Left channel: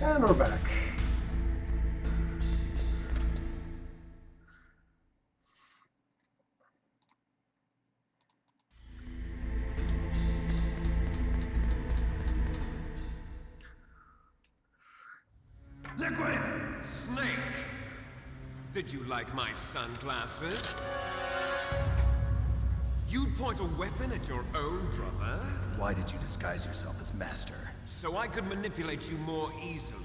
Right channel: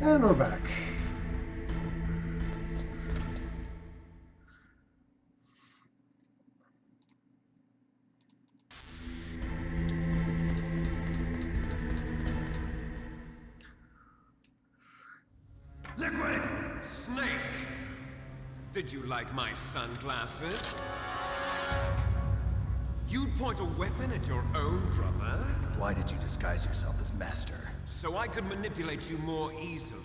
And we're back. Liquid! Snake! Did you like my sunglasses? You'd point a weapon at your own brother? Why did you disguise yourself as Master? So I could manipulate you more easily.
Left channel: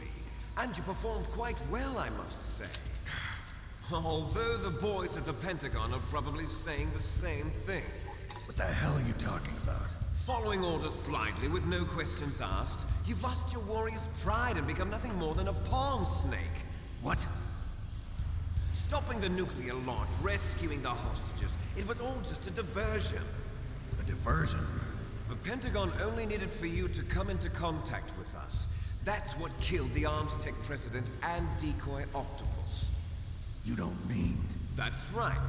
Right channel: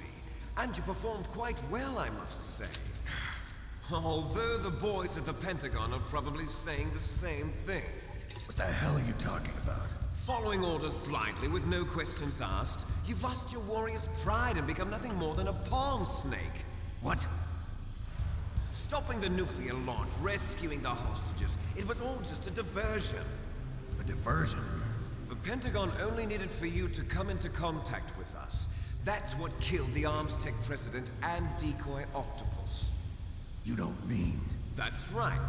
And you performed quite well, I must say. Although the boys at the Pentagon are probably saying the same thing. What the hell are you talking about? Following orders blindly with no questions asked, you've lost your warrior's pride and become nothing more than a pawn snake. What? Stopping the nuclear launch, rescuing the hostages, it was all just a diversion. A diversion? The Pentagon only needed for you to come into contact with us. That's what killed the Arms Tech president and decoy octopus. You don't mean... That's right.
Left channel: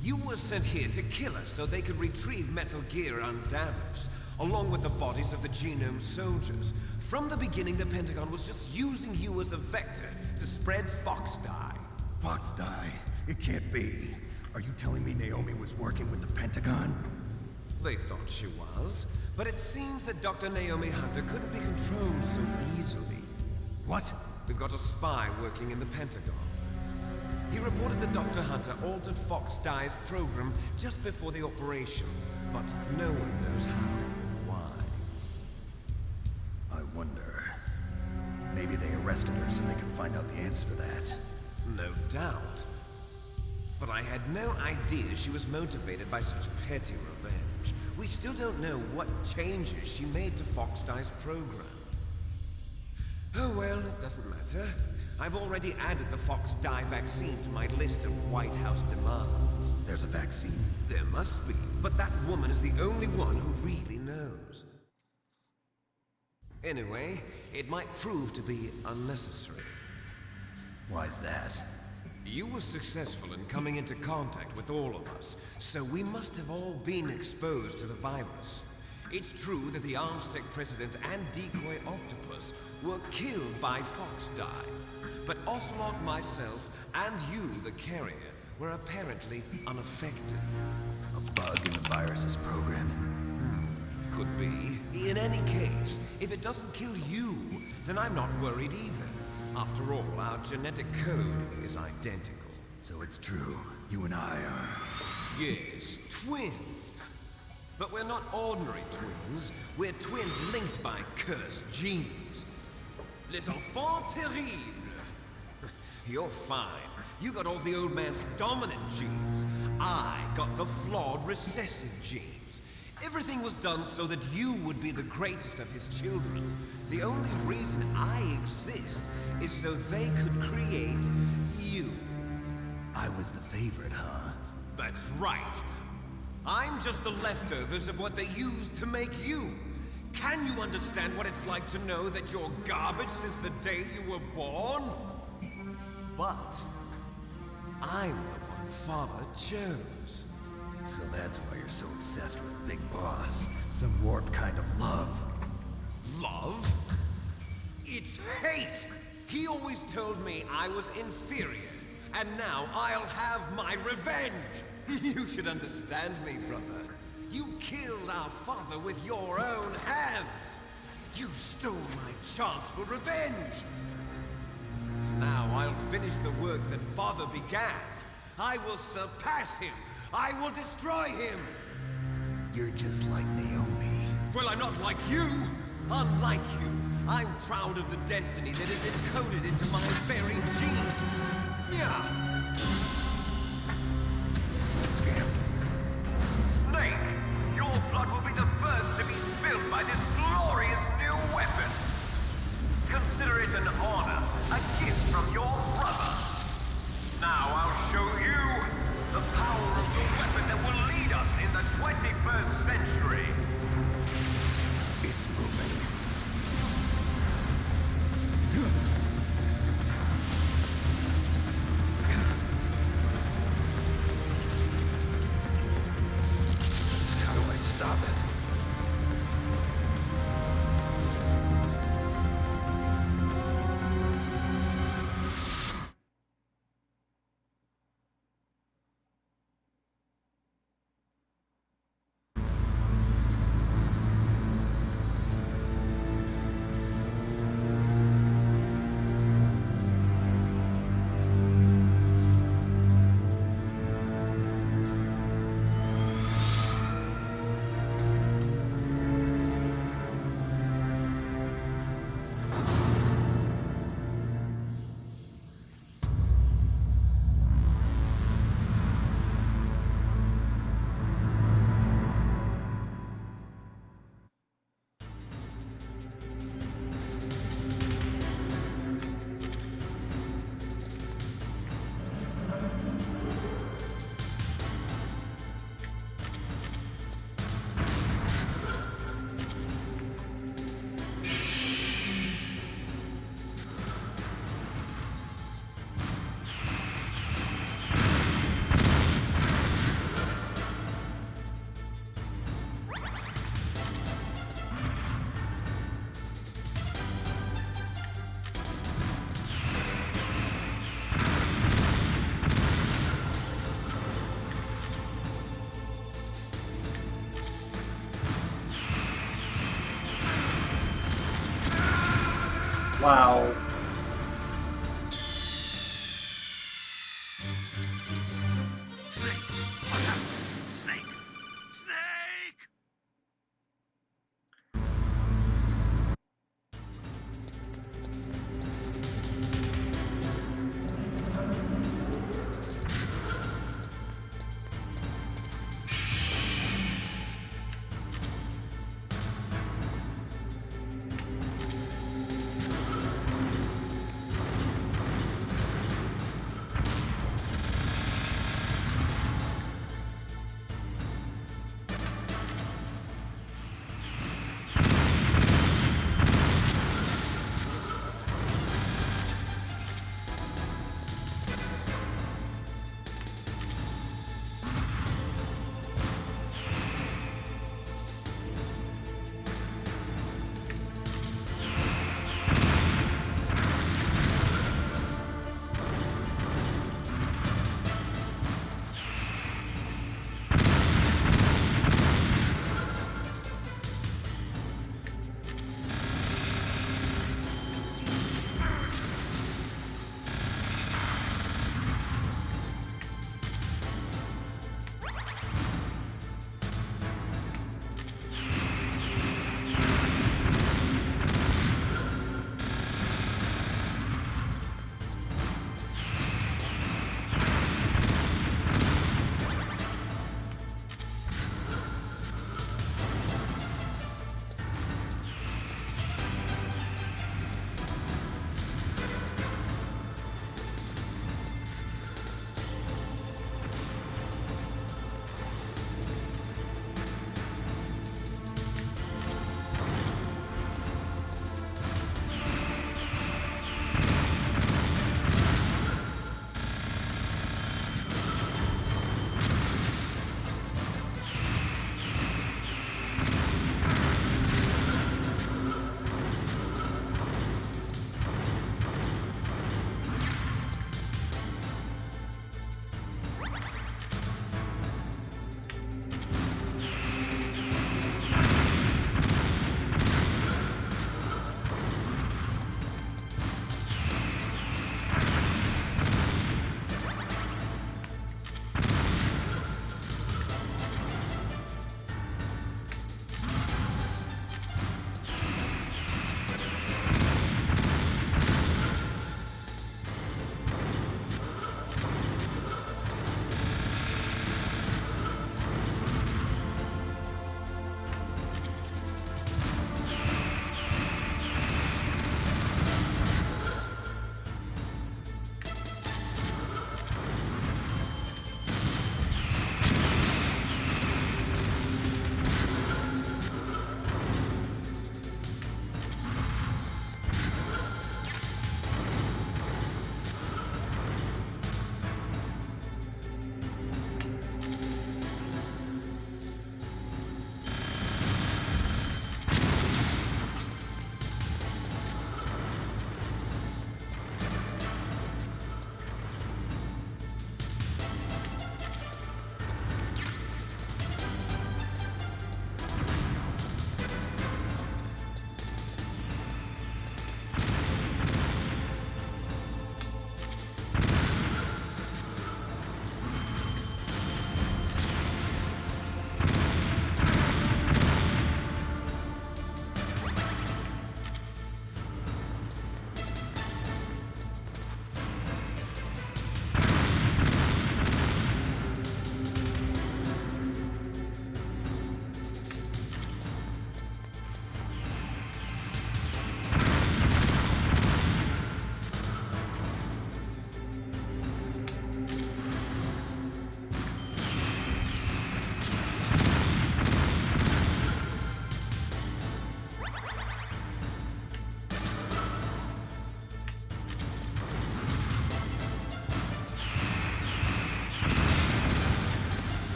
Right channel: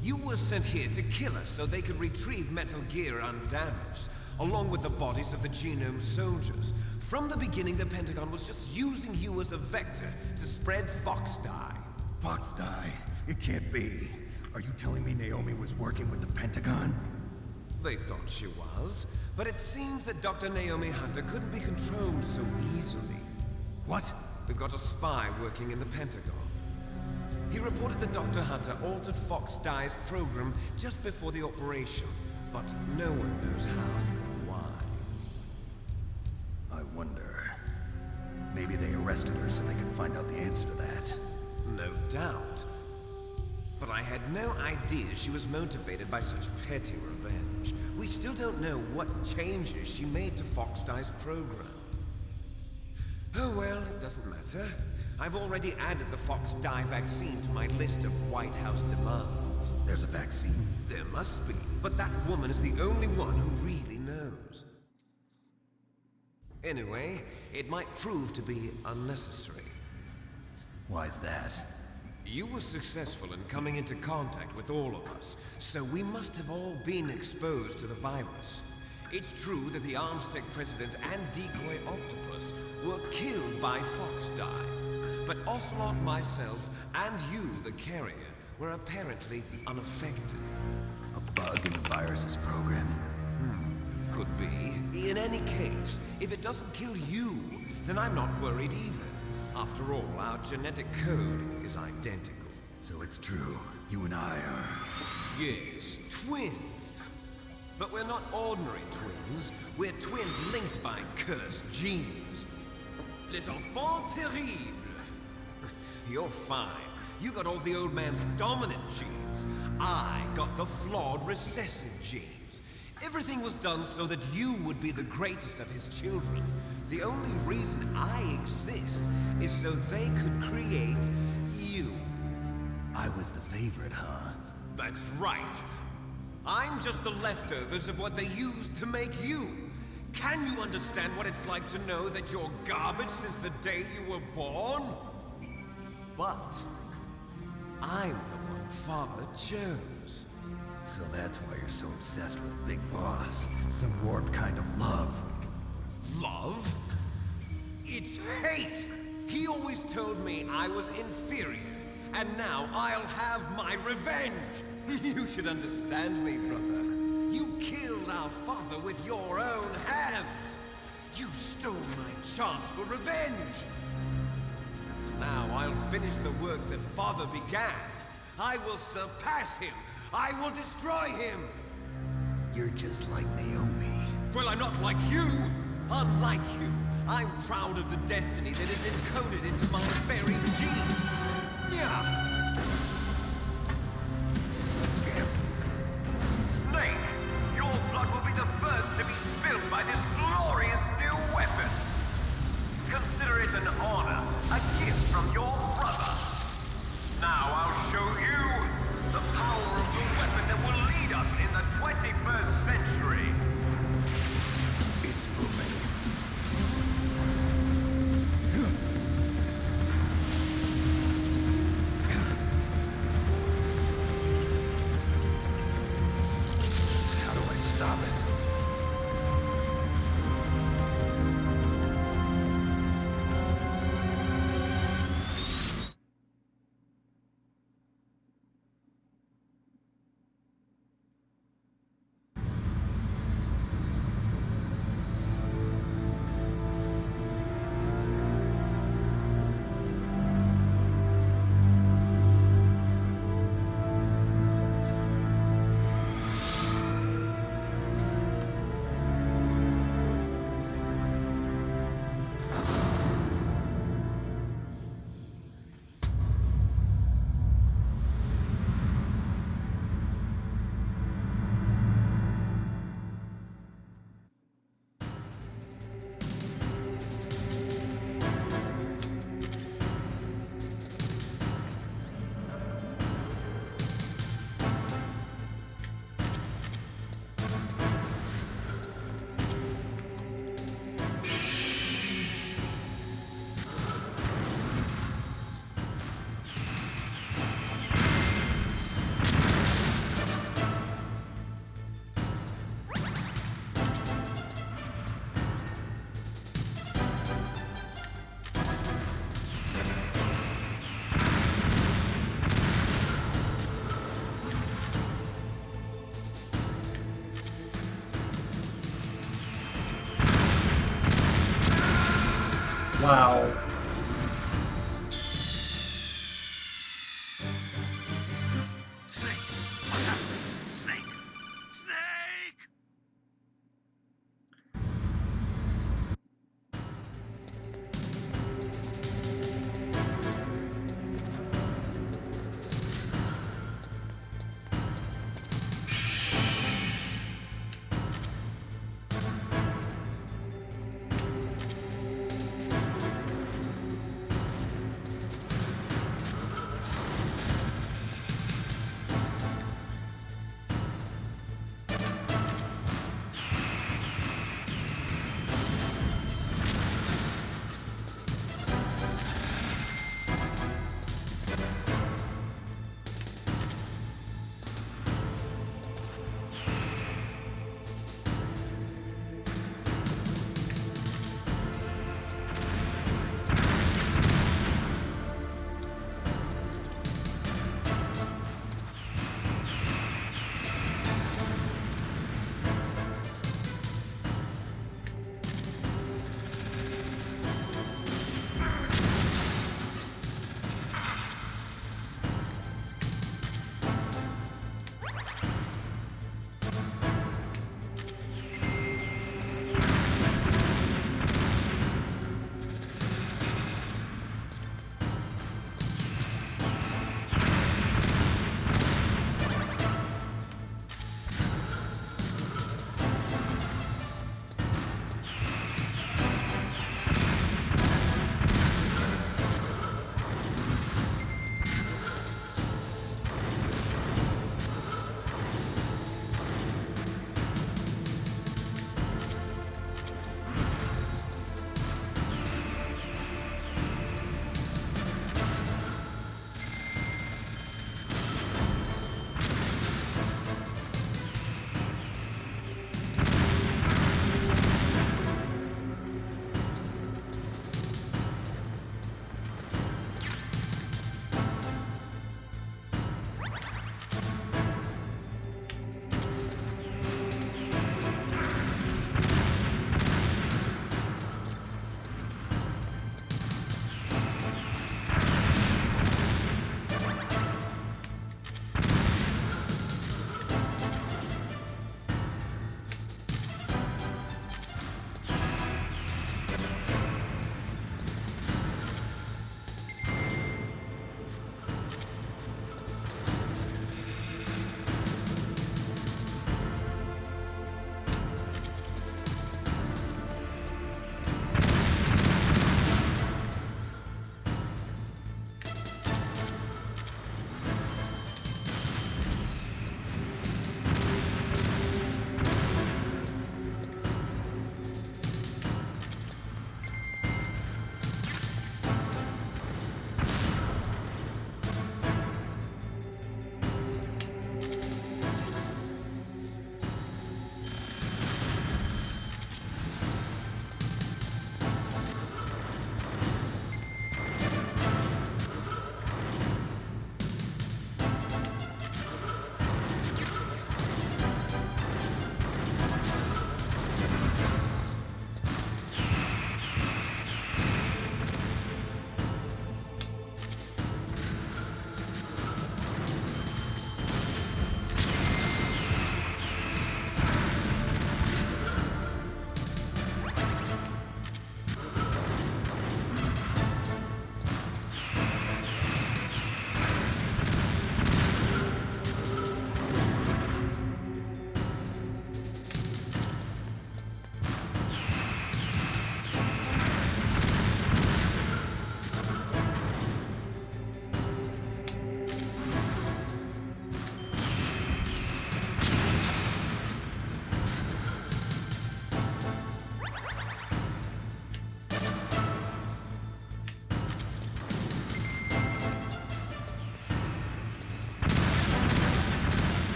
You were sent here to kill us so they could retrieve Metal Gear undamaged, along with the bodies of the Genome soldiers. From the beginning, the Pentagon was just using you as a vector to spread Fox dye. Fox die? It can't be. Are you telling me Naomi was working with the Pentagon? They thought she was, but it seems that Dr. Naomi Hunter couldn't be controlled so easily. What? We've got a spy working in the Pentagon. He reported that Dr. Hunter altered Fox Dye's program just before the operation, but no one knows how or why. I wonder... Maybe they arrested her so they could find out the answer to that. No doubt. But I had no idea she was motivated by such petty revenge. We still don't know what changes she made to Fox Dye's program. Oh well, it doesn't matter. I've already added the Fox Dye vaccine to my list of White House demands. There's a vaccine? There must be, but that woman is the only one who really knows. Anyway, it might prove to be unnecessary. Why's that? You were successful in coming into contact with all of us, so we must have all been exposed to the virus. It's true that the Arms Tech president and decoy octopus were killed by Fox Dye, but Ocelot, myself, and you, the carrier, were apparently unaffected. A bug in the virus's programming? Could be. In any case, if it doesn't kill you, then I'm not worried either. After all, our genetic code is identical. So it's true. You and I are... Yes, twins. But we're not ordinary twins. We're twins linked by cursed genes. Les enfants terribles. You're fine. You got all the old man's dominant genes. I got the flawed recessive genes. Everything was done so that you would be the greatest of his children. The only reason I exist is so they could create you. I was the favorite, huh? That's right. I'm just the leftovers of what they used to make you. Can you understand what it's like to know that you're garbage since the day you were born? But I'm the one Father chose. So that's why you're so obsessed with Big Boss. Some warped kind of love. Love? It's hate! He always told me I was inferior, and now I'll have my revenge! You should understand me, brother. You killed our father with your own hands! You stole my chance for revenge! Now I'll finish the work that Father began. I will surpass him! I will destroy him! You're just like Naomi. Well, I'm not like you! Unlike you, I'm proud of the destiny that is encoded into my very genes! Yeah! Damn. Snake! Your blood will be the first to be spilled by this glorious new weapon! Consider it an honor, a gift from your brother! Now I'll show you the power of the weapon that will lead us in the 21st century! It's moving. How do I stop it? Wow. Snake! What happened? Snake! Snake!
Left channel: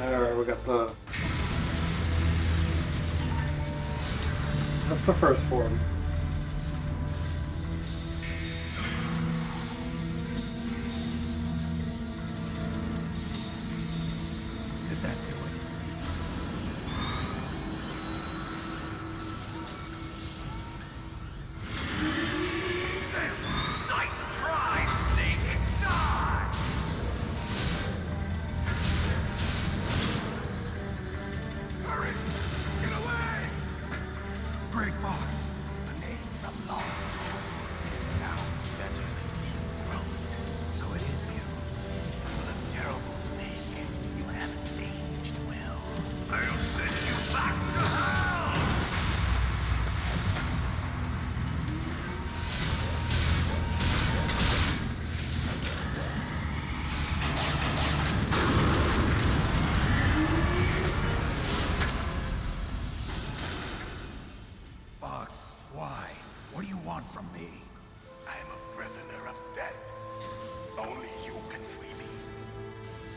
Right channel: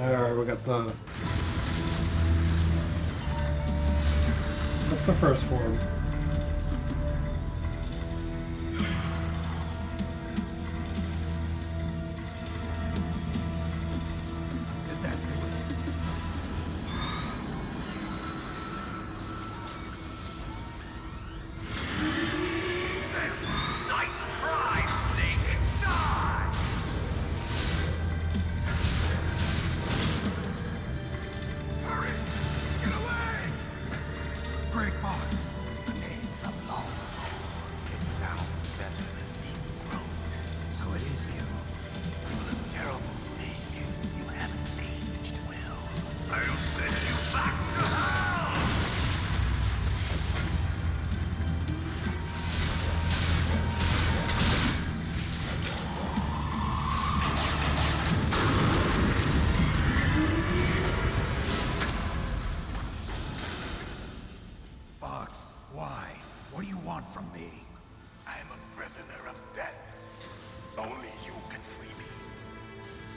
Alright, we got the... That's the first form. Did that do it?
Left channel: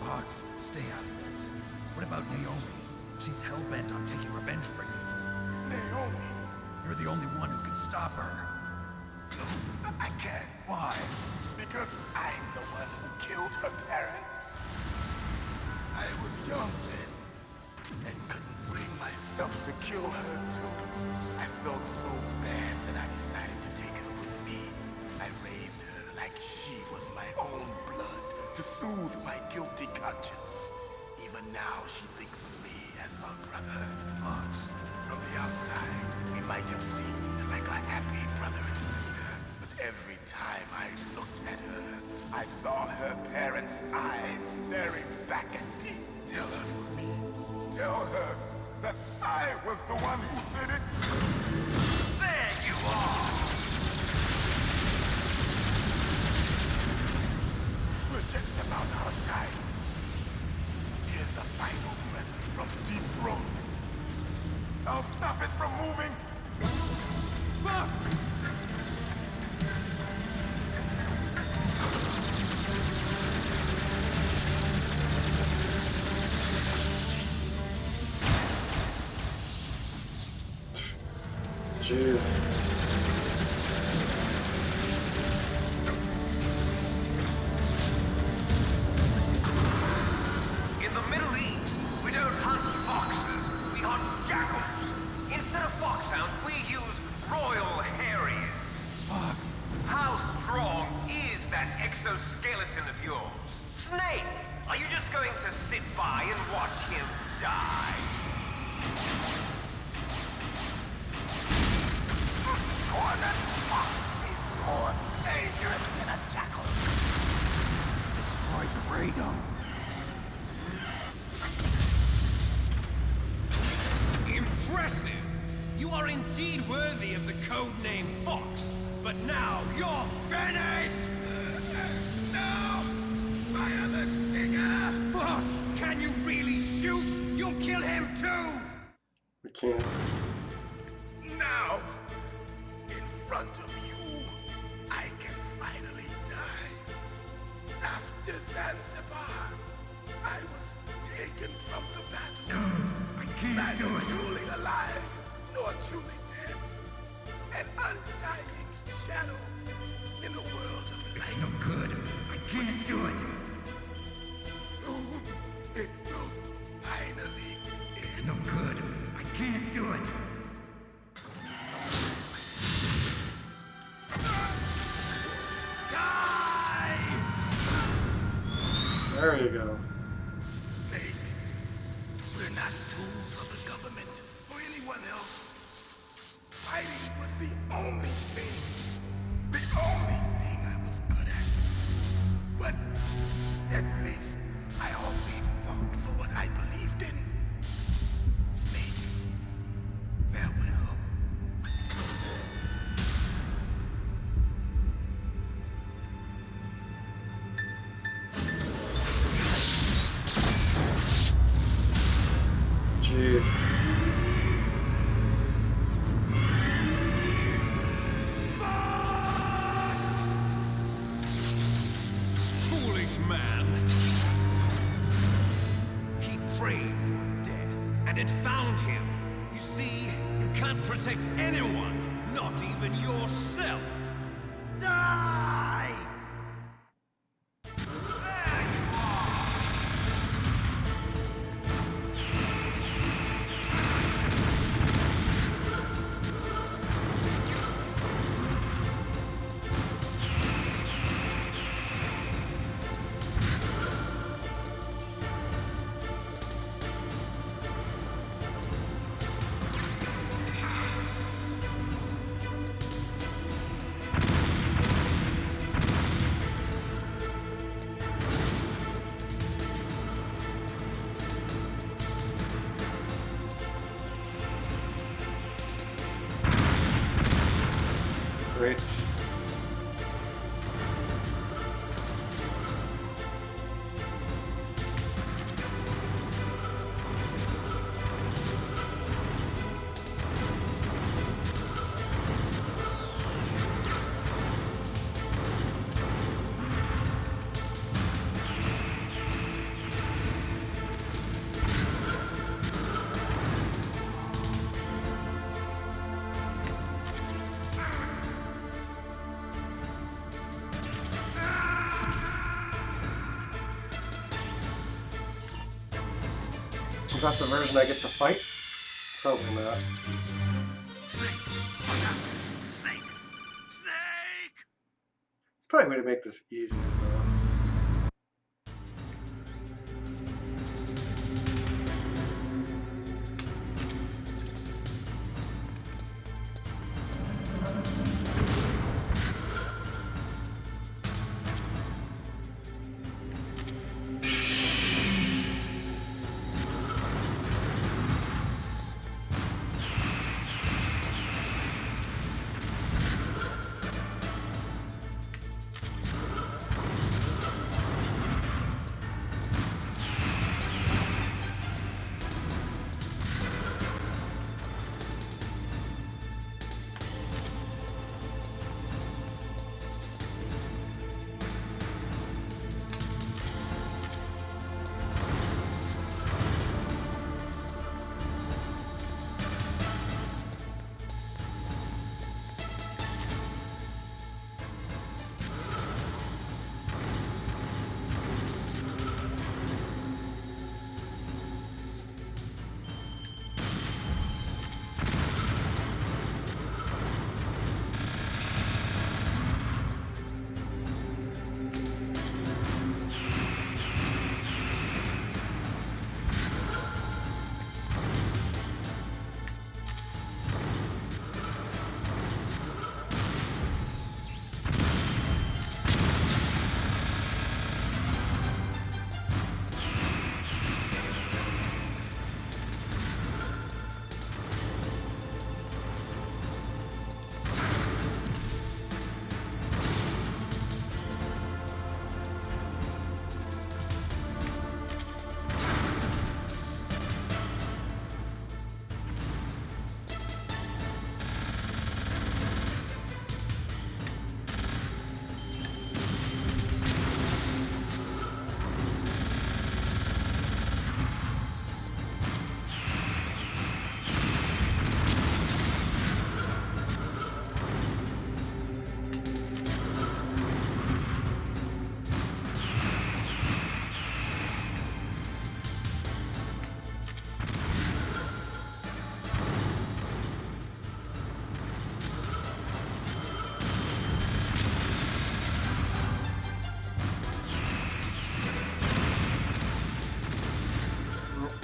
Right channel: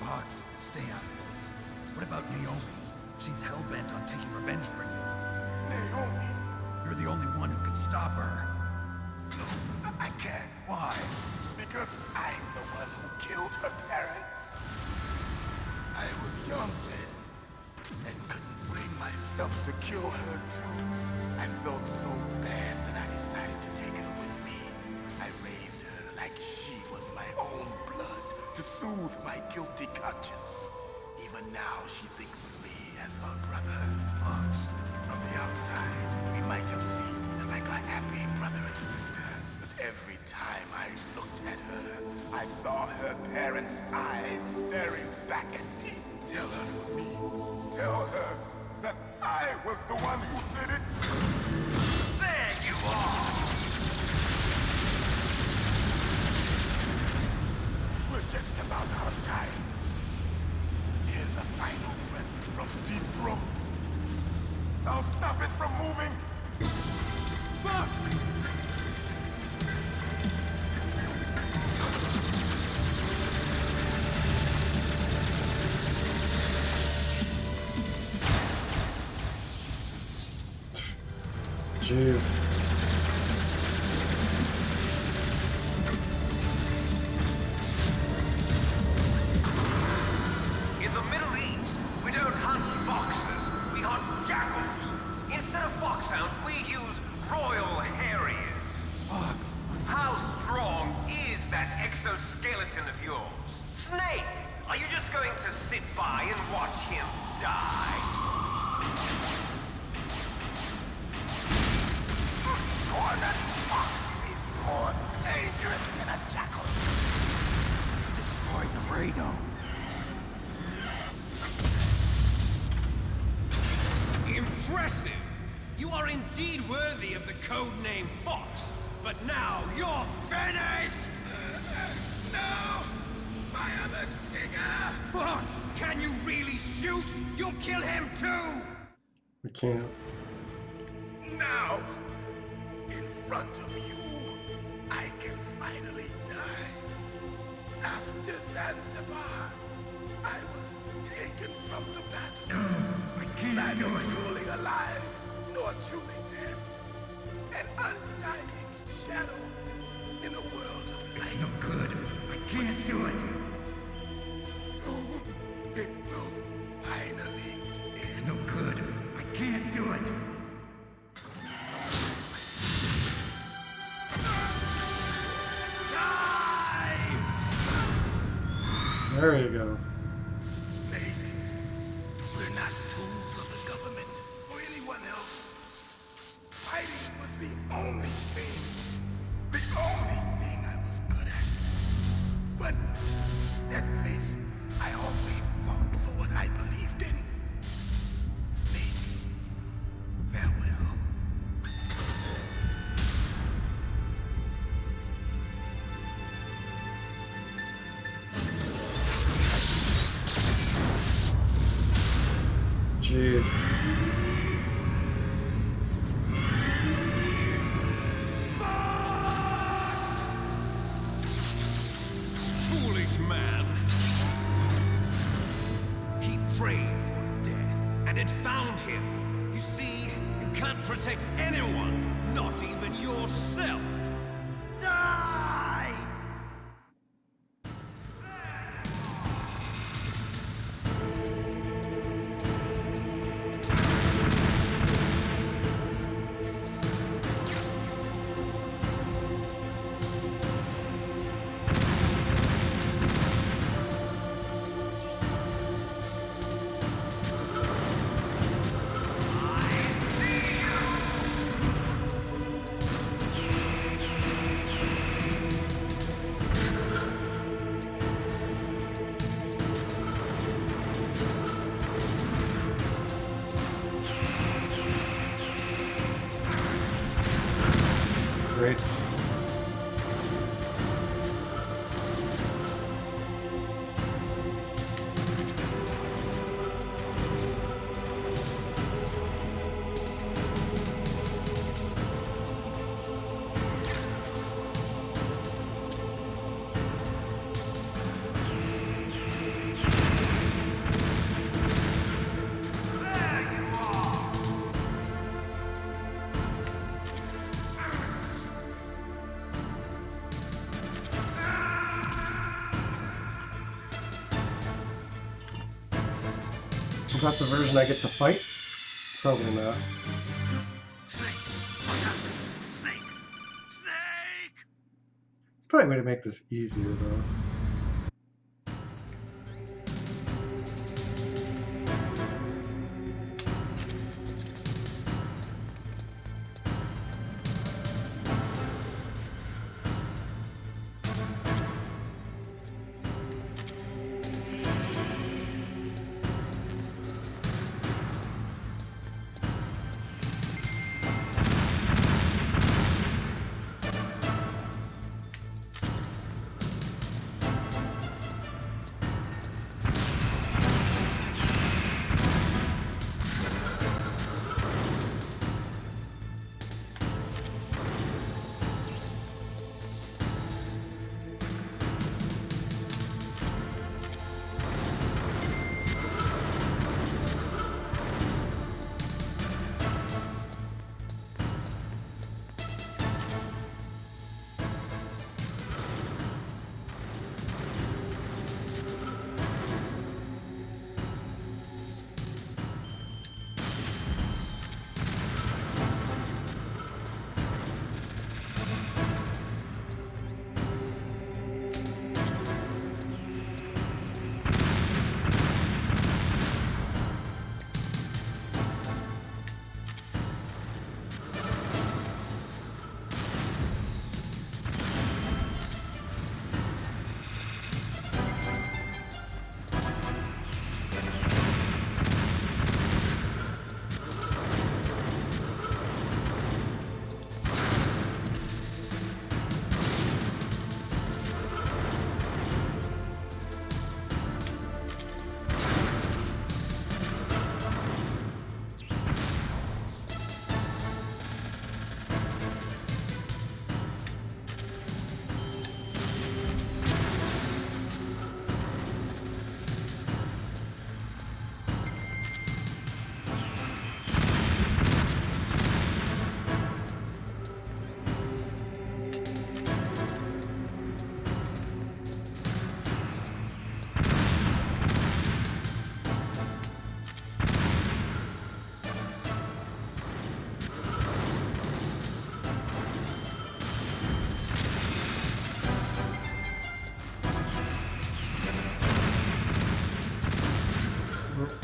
Fox, stay out of this. What about Naomi? She's hell-bent on taking revenge for you. Naomi? You're the only one who can stop her. No, I can't. Why? Because I'm the one who killed her parents. I was young then, and couldn't bring myself to kill her too. I felt so bad that I decided to take her with me. I raised her like she was my own blood to soothe my guilty conscience. Even now, she thinks of me as her brother. Fox. From the outside, we might have seemed like a happy brother and sister, but every time I looked at her, I saw her parents' eyes staring back at me. Tell her for me. Tell her that I was the one who did it. There you are! We're just about out of time. Here's a final present from Deep Throat. I'll stop it from moving. Fox! Jeez. In the Middle East, we don't hunt foxes, we hunt jackals. Instead of foxhounds, we use royal harriers. Fox. How strong is that exoskeleton of yours? Snake, are you just going to sit by and watch him die? Cornered fox is more dangerous than a jackal. You destroyed the radome. Impressive! You are indeed worthy of the codename Fox, but now you're finished! No! Fire the stinger! Fox! Can you really shoot? You'll kill him too! We can't. Now, in front of you, I can finally die. After Zanzibar, I was taken from the battle. No, I can't Neither do it. truly alive, nor truly dead. An undying shadow in a world of light. It's no good. I can't do it. Soon, it will finally It's end. no good. I can't do it. Die! There you go. Snake, we're not tools of the government or anyone else. Fighting was the only thing I was good at. But at least I always fought for what I believed in. Snake, farewell. Jeez. Foolish man! He prayed for death, and it found him. You see, you can't protect anyone, not even yourself. Die! There you are! Great. Is that the version I get to fight? Probably not. Snake! Look out! Snake! Snake! It's probably a way to make this easier, though.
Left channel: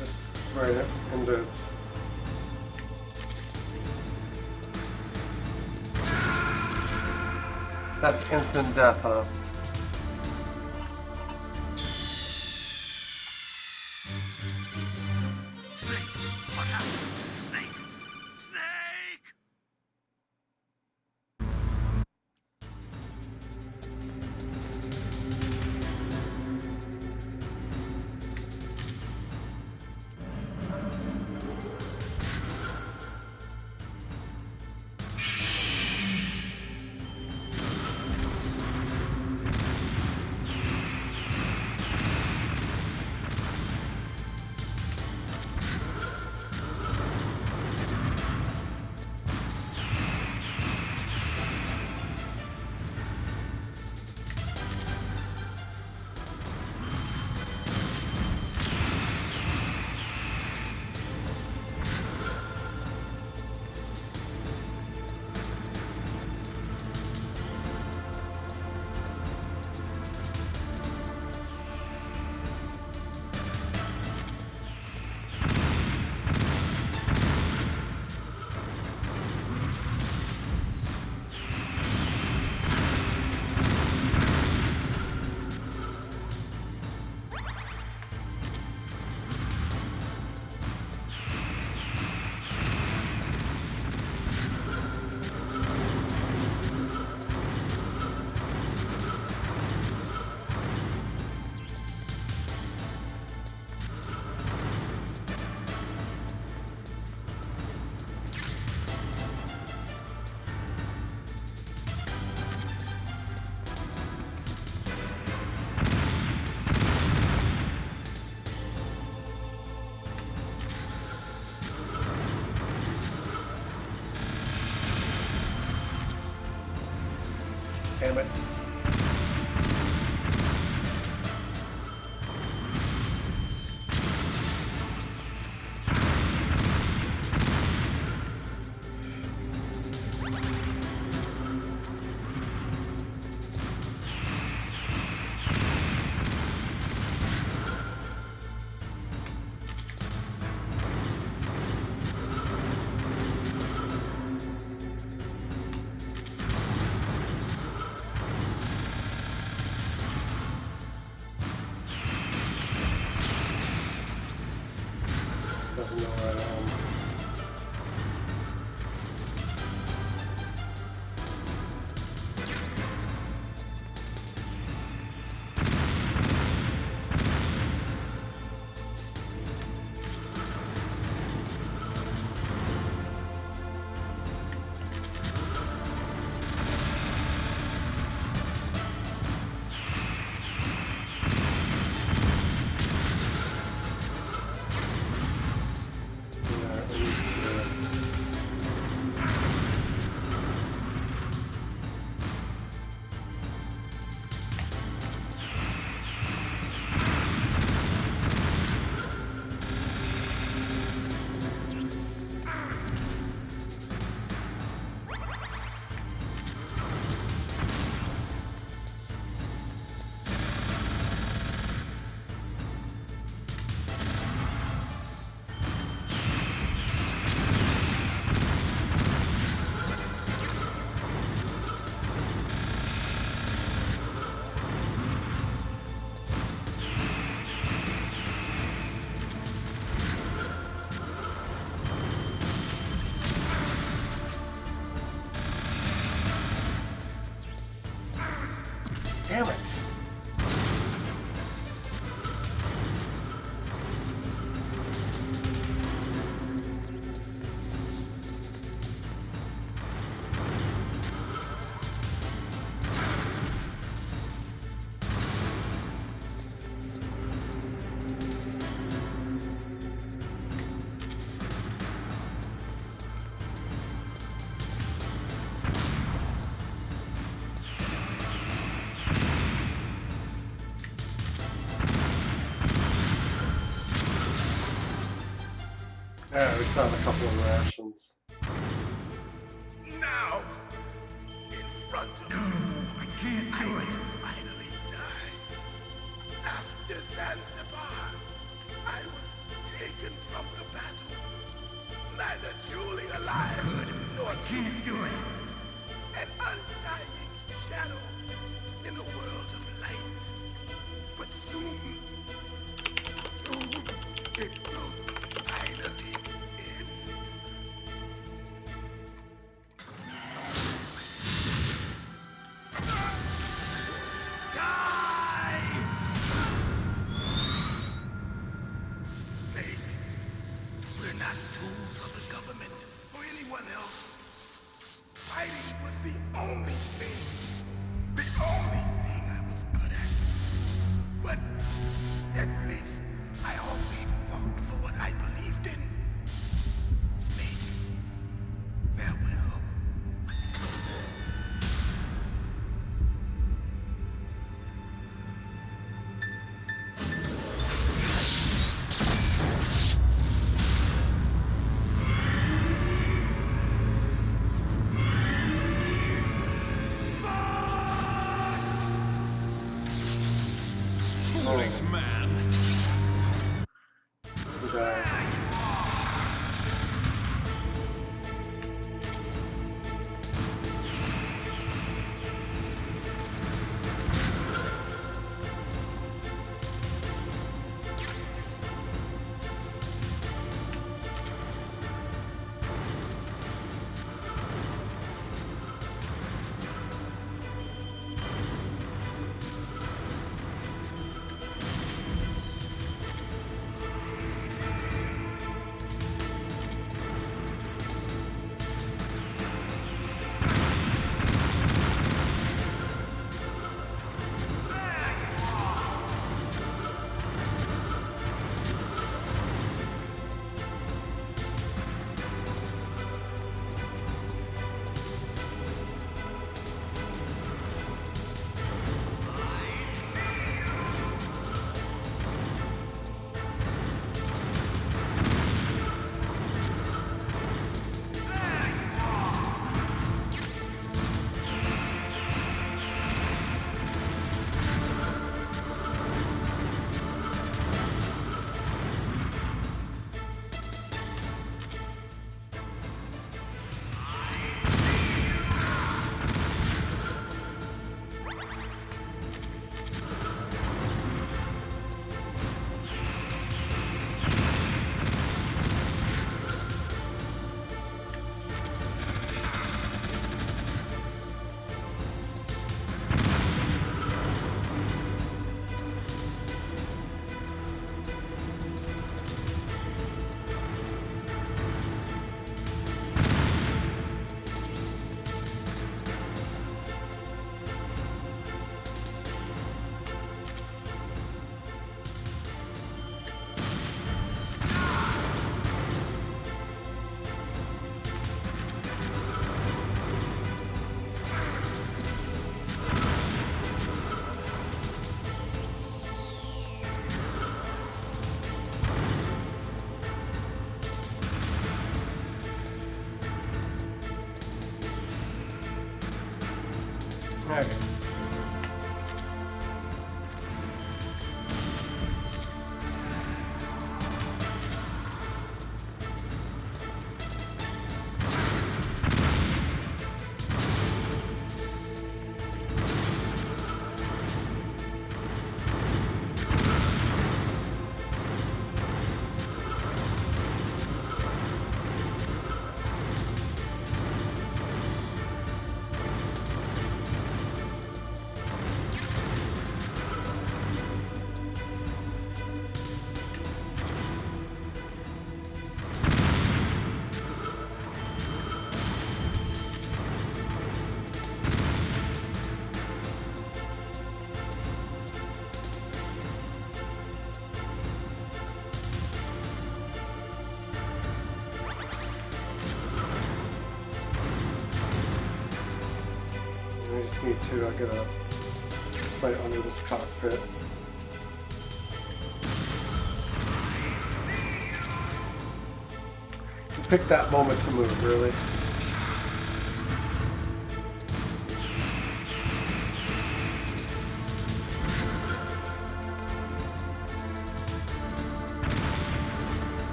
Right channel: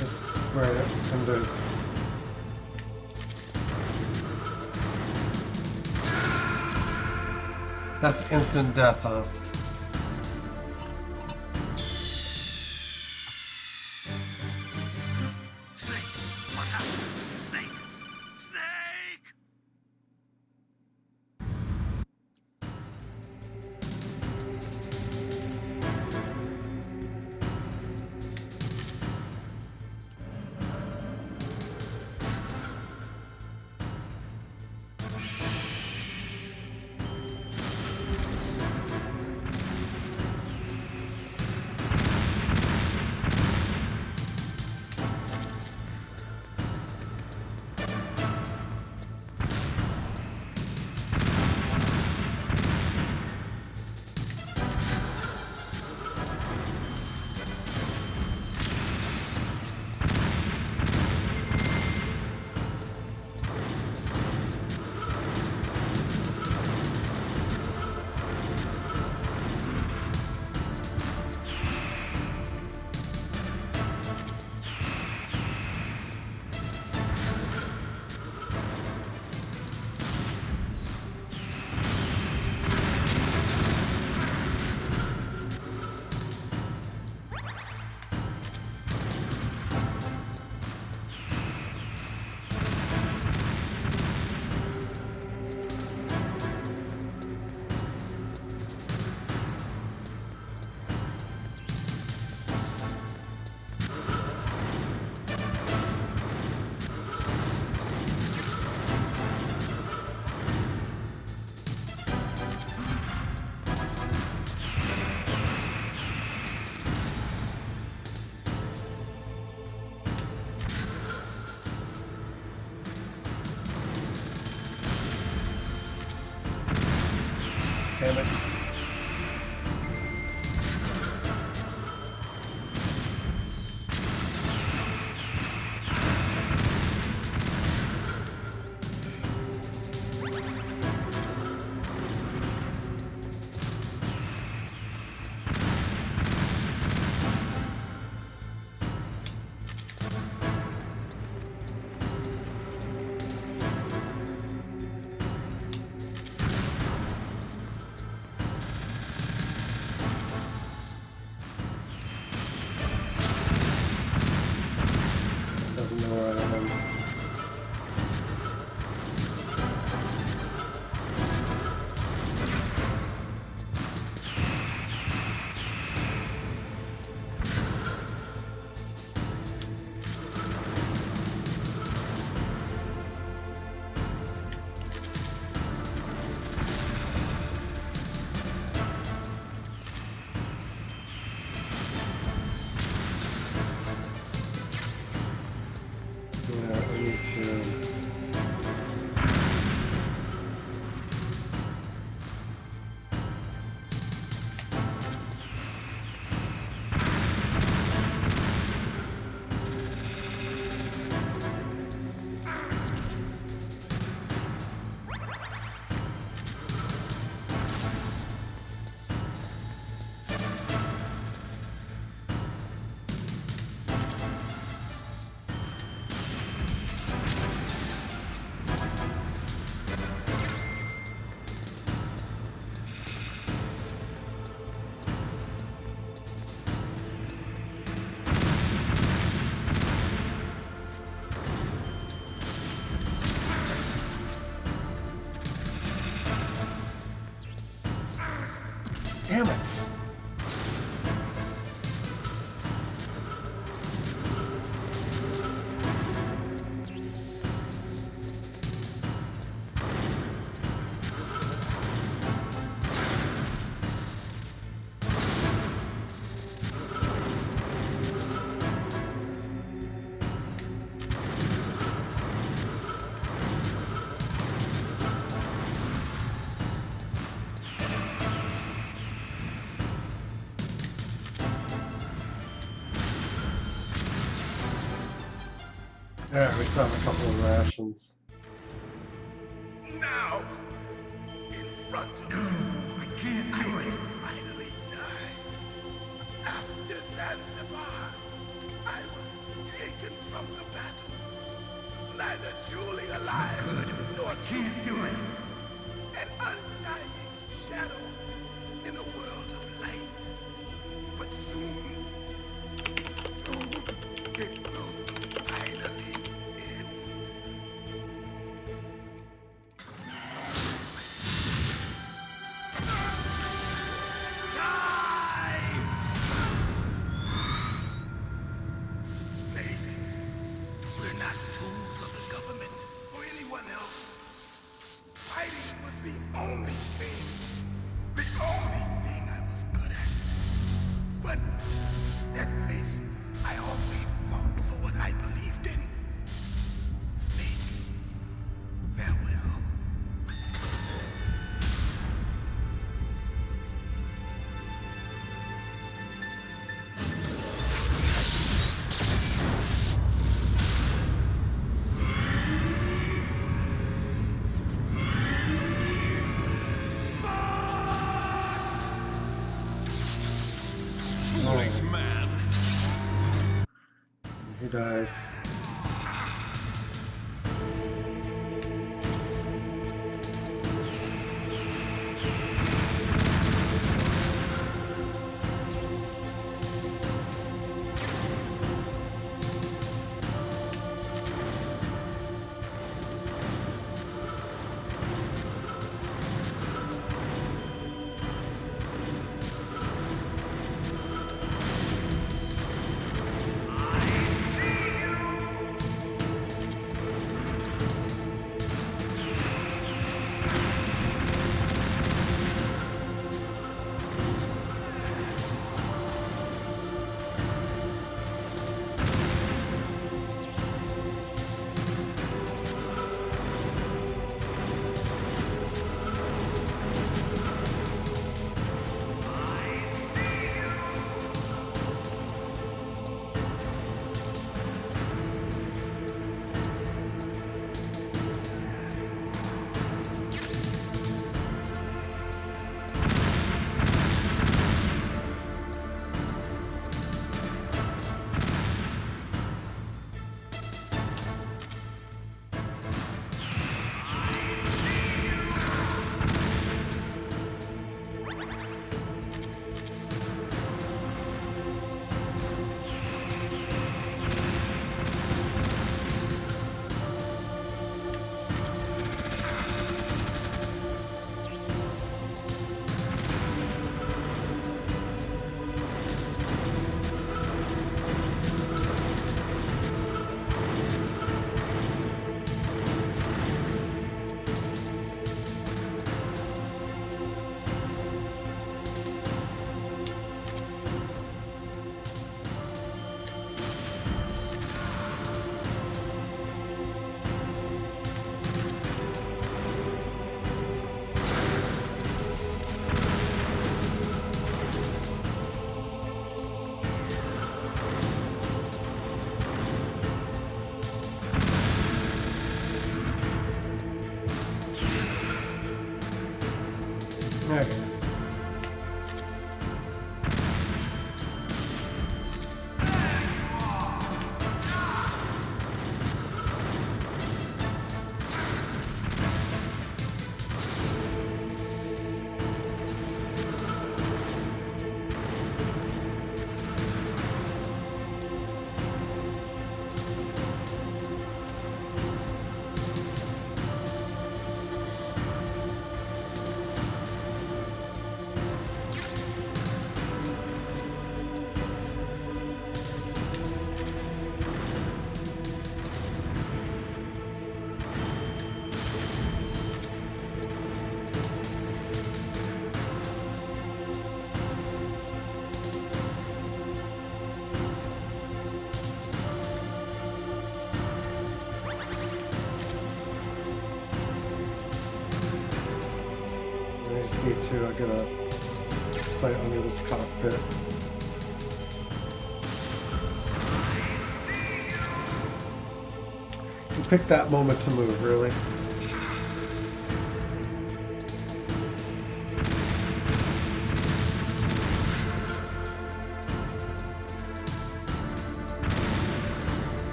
Just right it into its. That's instant death, huh? Snake! Look out! Snake! Snake! doesn't know where I am. Yeah, I need to. Damn it! Alright, we found a couple of rations. Now, in front of you, I can't I do it. can finally die. After Zanzibar, I was taken from the battle. Neither truly alive Good. nor I can't truly do it. dead. An undying shadow in a world of light. But soon it will finally end. Die! Snake, we're not tools of the government or anyone else. Fighting was the only thing I was good at. But at least I always fought for what I believed in. Snake, farewell. Foolish man. Who dies? Okay. I just need to get a sight under this cockpit. You picked that moment to move, really.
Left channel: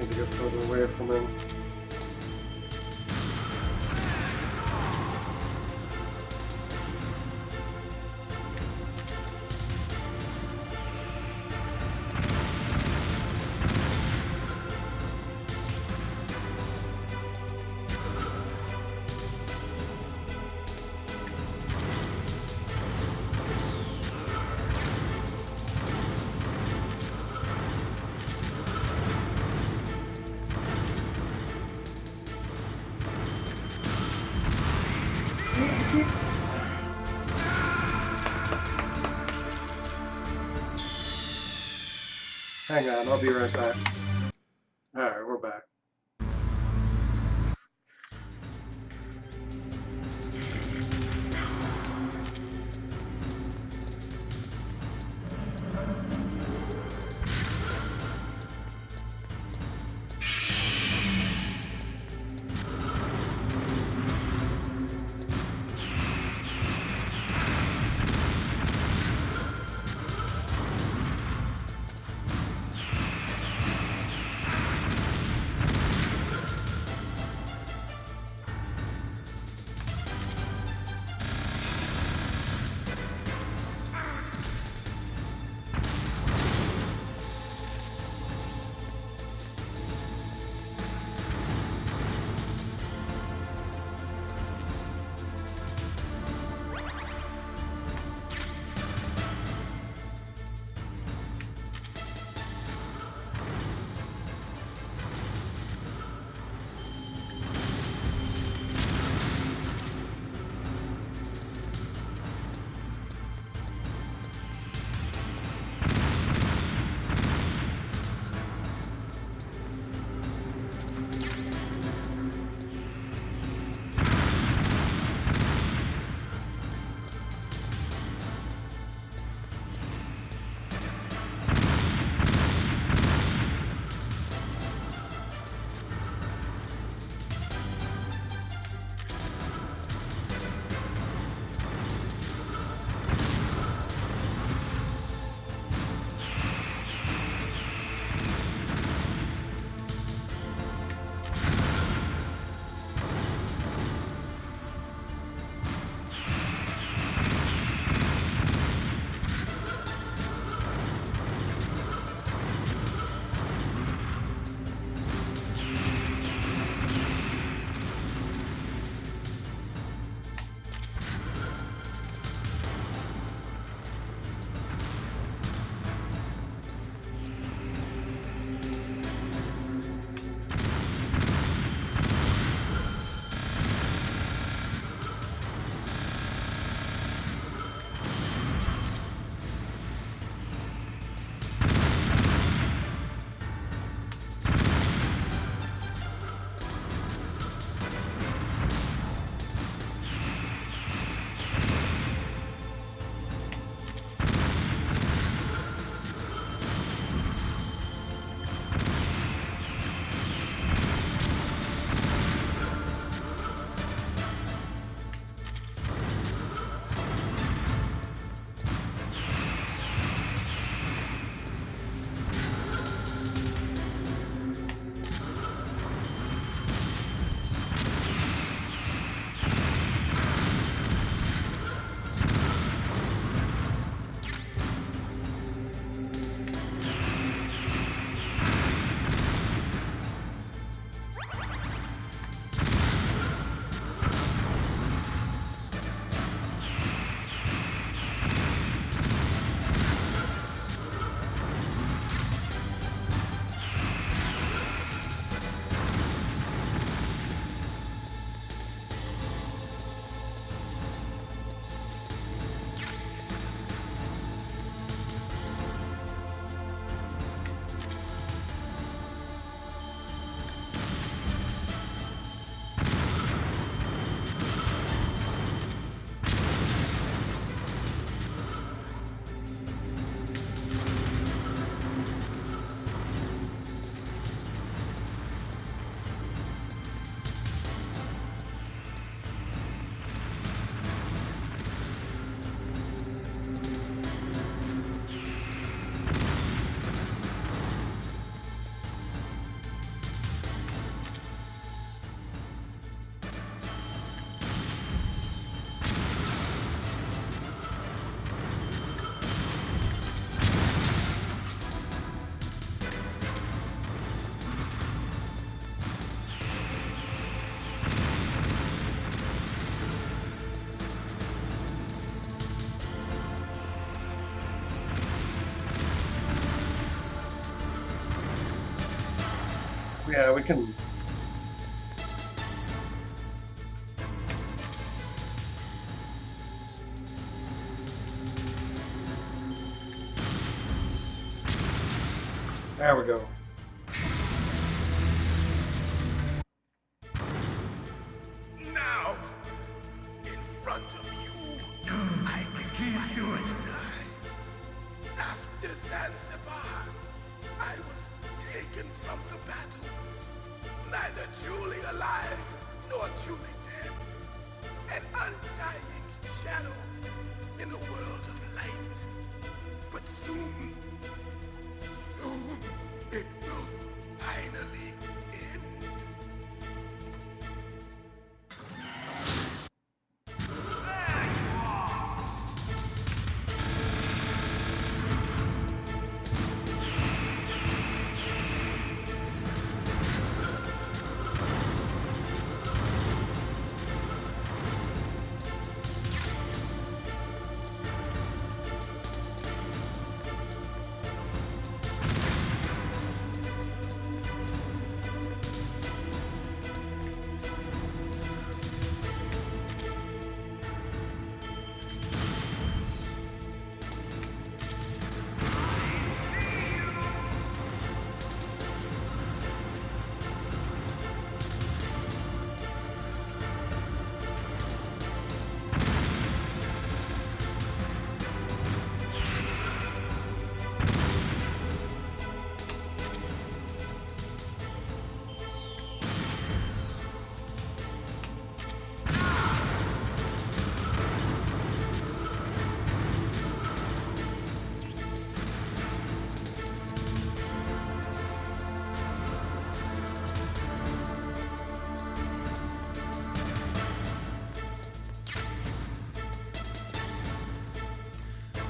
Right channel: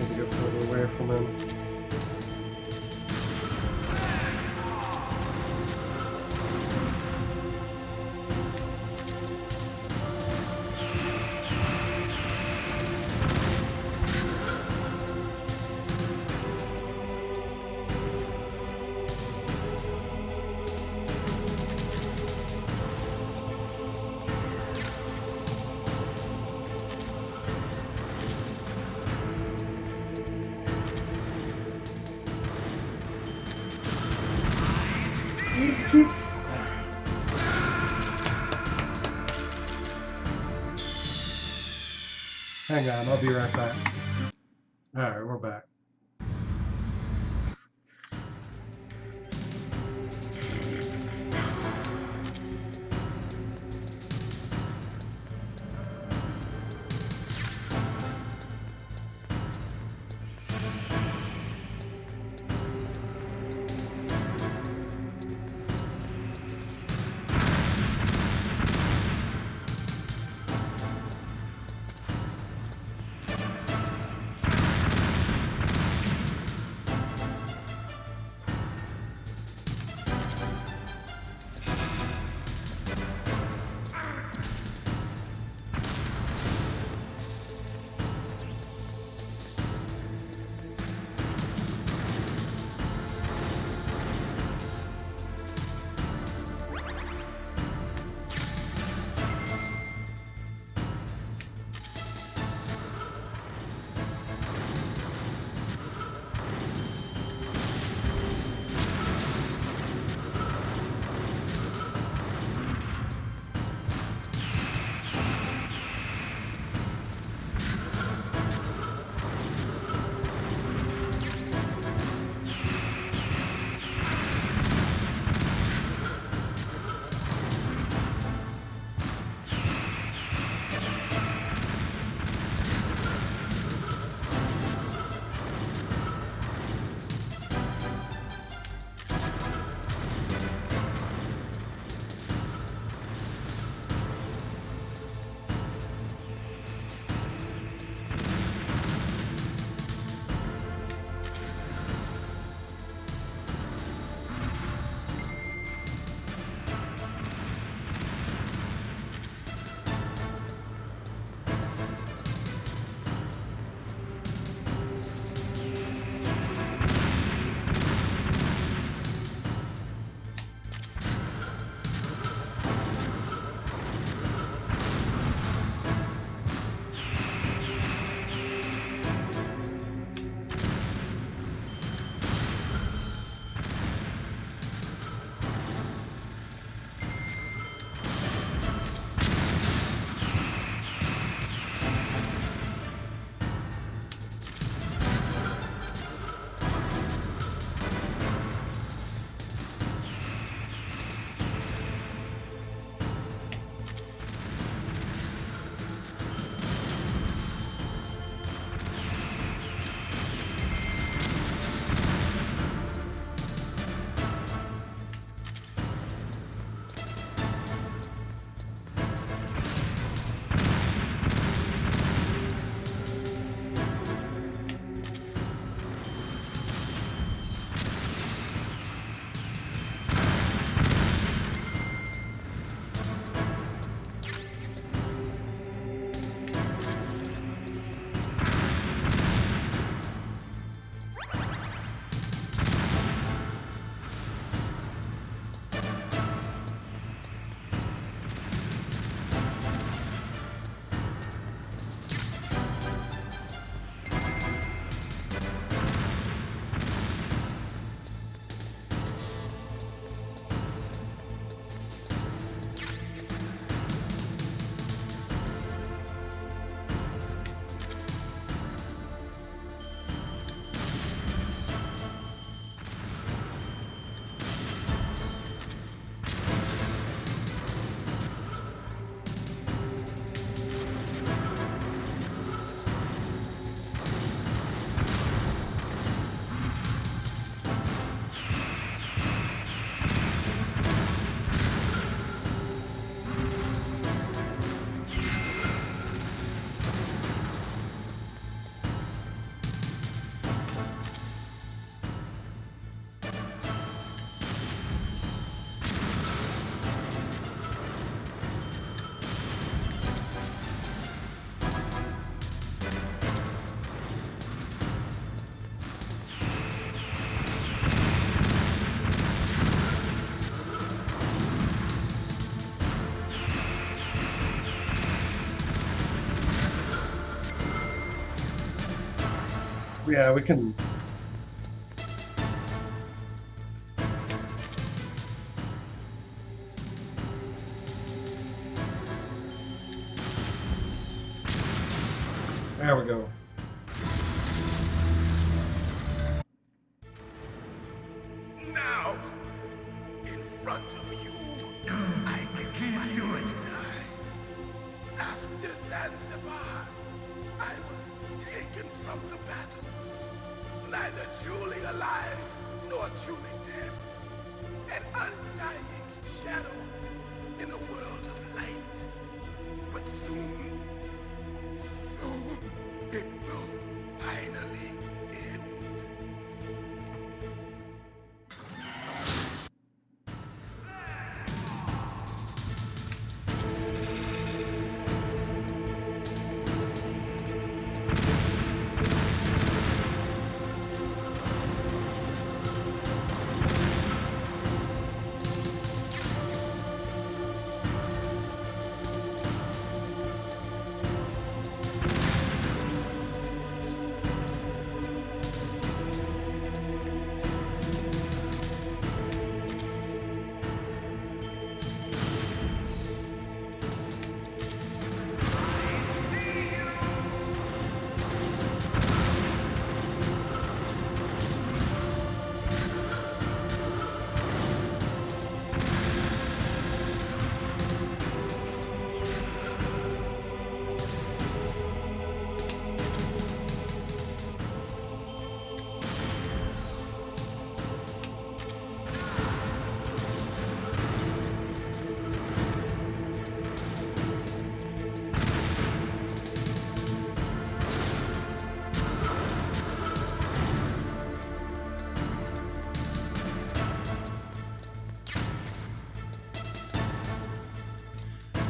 Need to get further away from him. He keeps... Hang on, I'll be right back. Alright, we're back. Yeah, we can. There we go. Now, in front of you, I can finally die. After Zanzibar, I was taken from the battle, neither truly alive nor truly dead. An undying shadow in a world of light. But soon, it will finally end.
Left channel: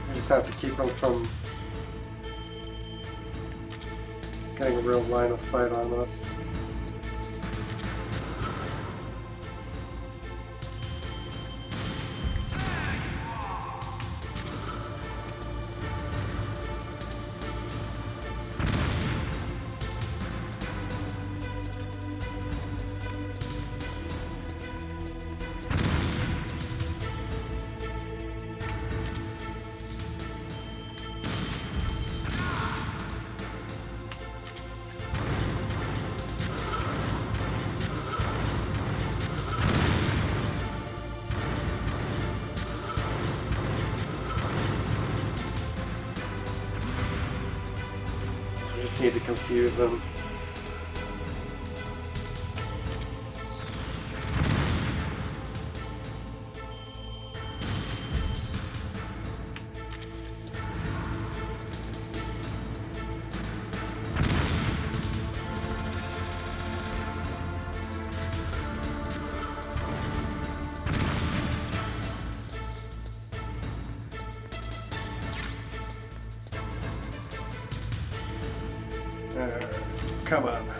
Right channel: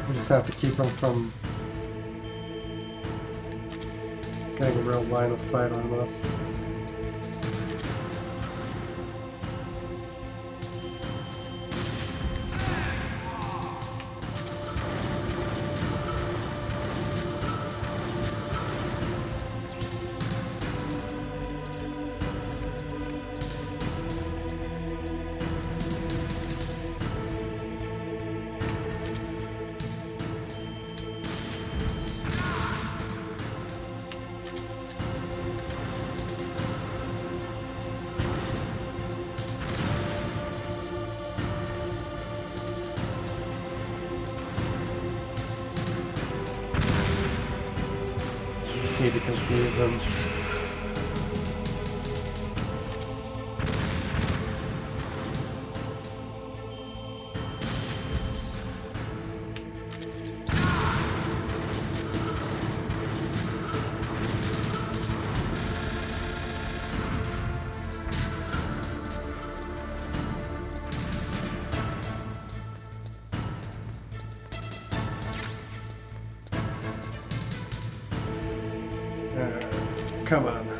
We just have to keep them from getting a real line of sight on us. Need to confuse them. Come on.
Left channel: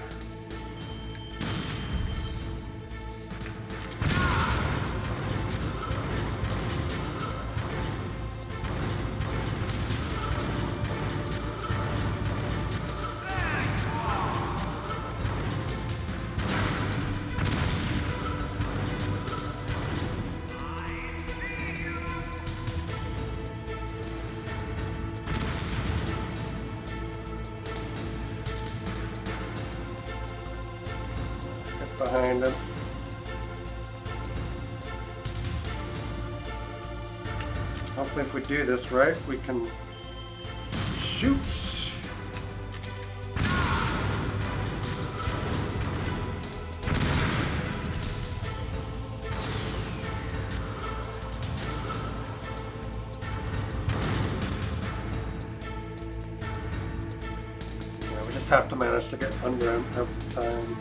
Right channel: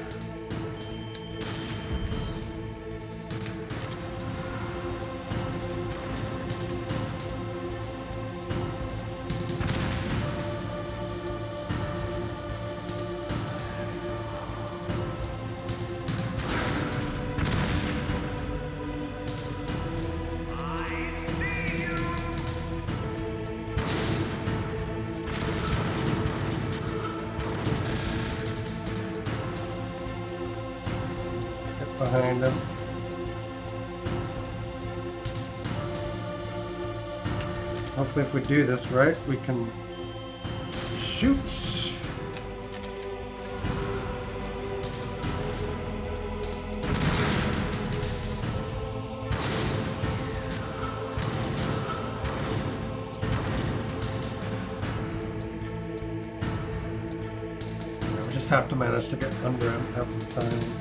Behind them. Hopefully if we do this right, we can shoot. Yeah, we just have to manage to get under him every time.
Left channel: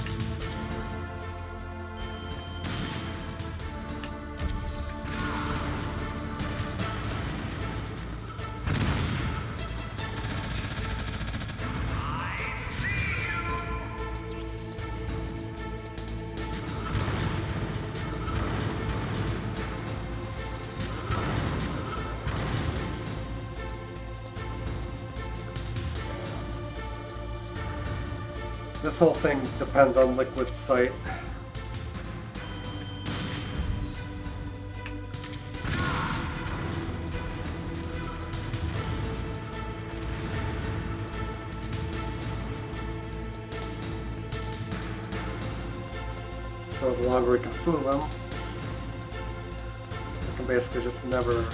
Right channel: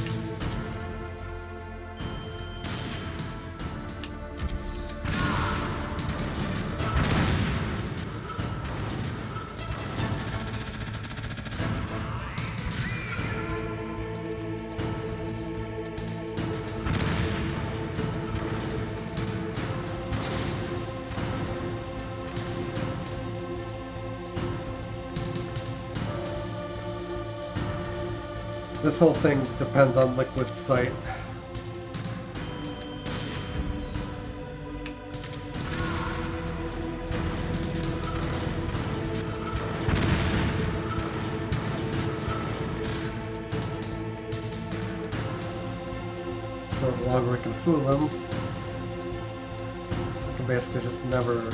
This whole thing depends on Liquid's sight. So the longer we can fool them, we can basically just never...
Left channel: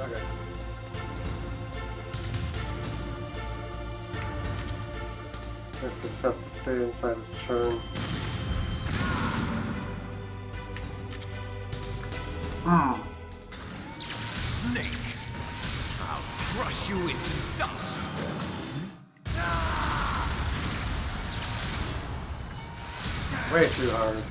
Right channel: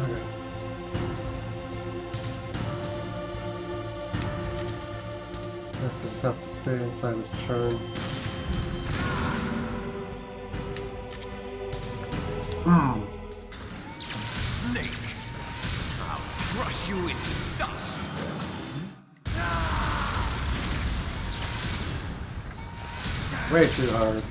Okay. Guess I just have to stay inside his churn. Snake! I'll crush you into dust! Way too hard.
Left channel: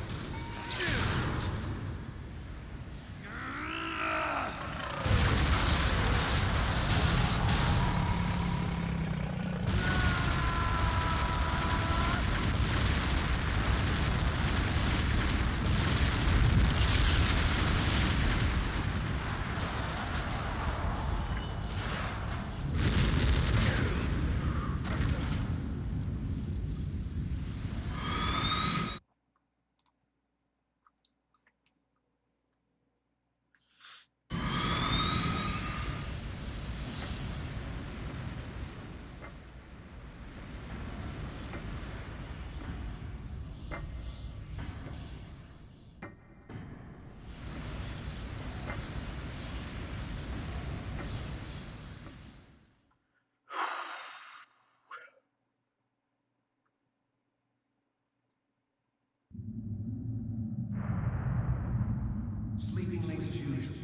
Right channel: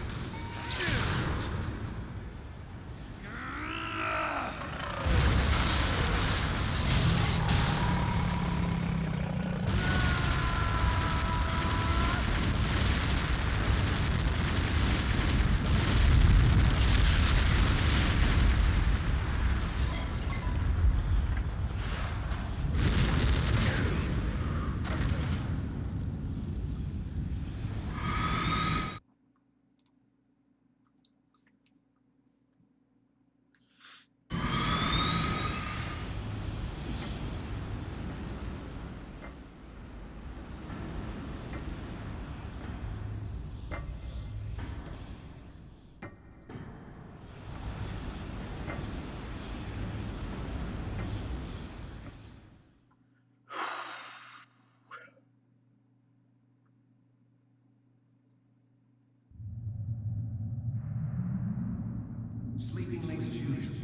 Sleeping late as usual.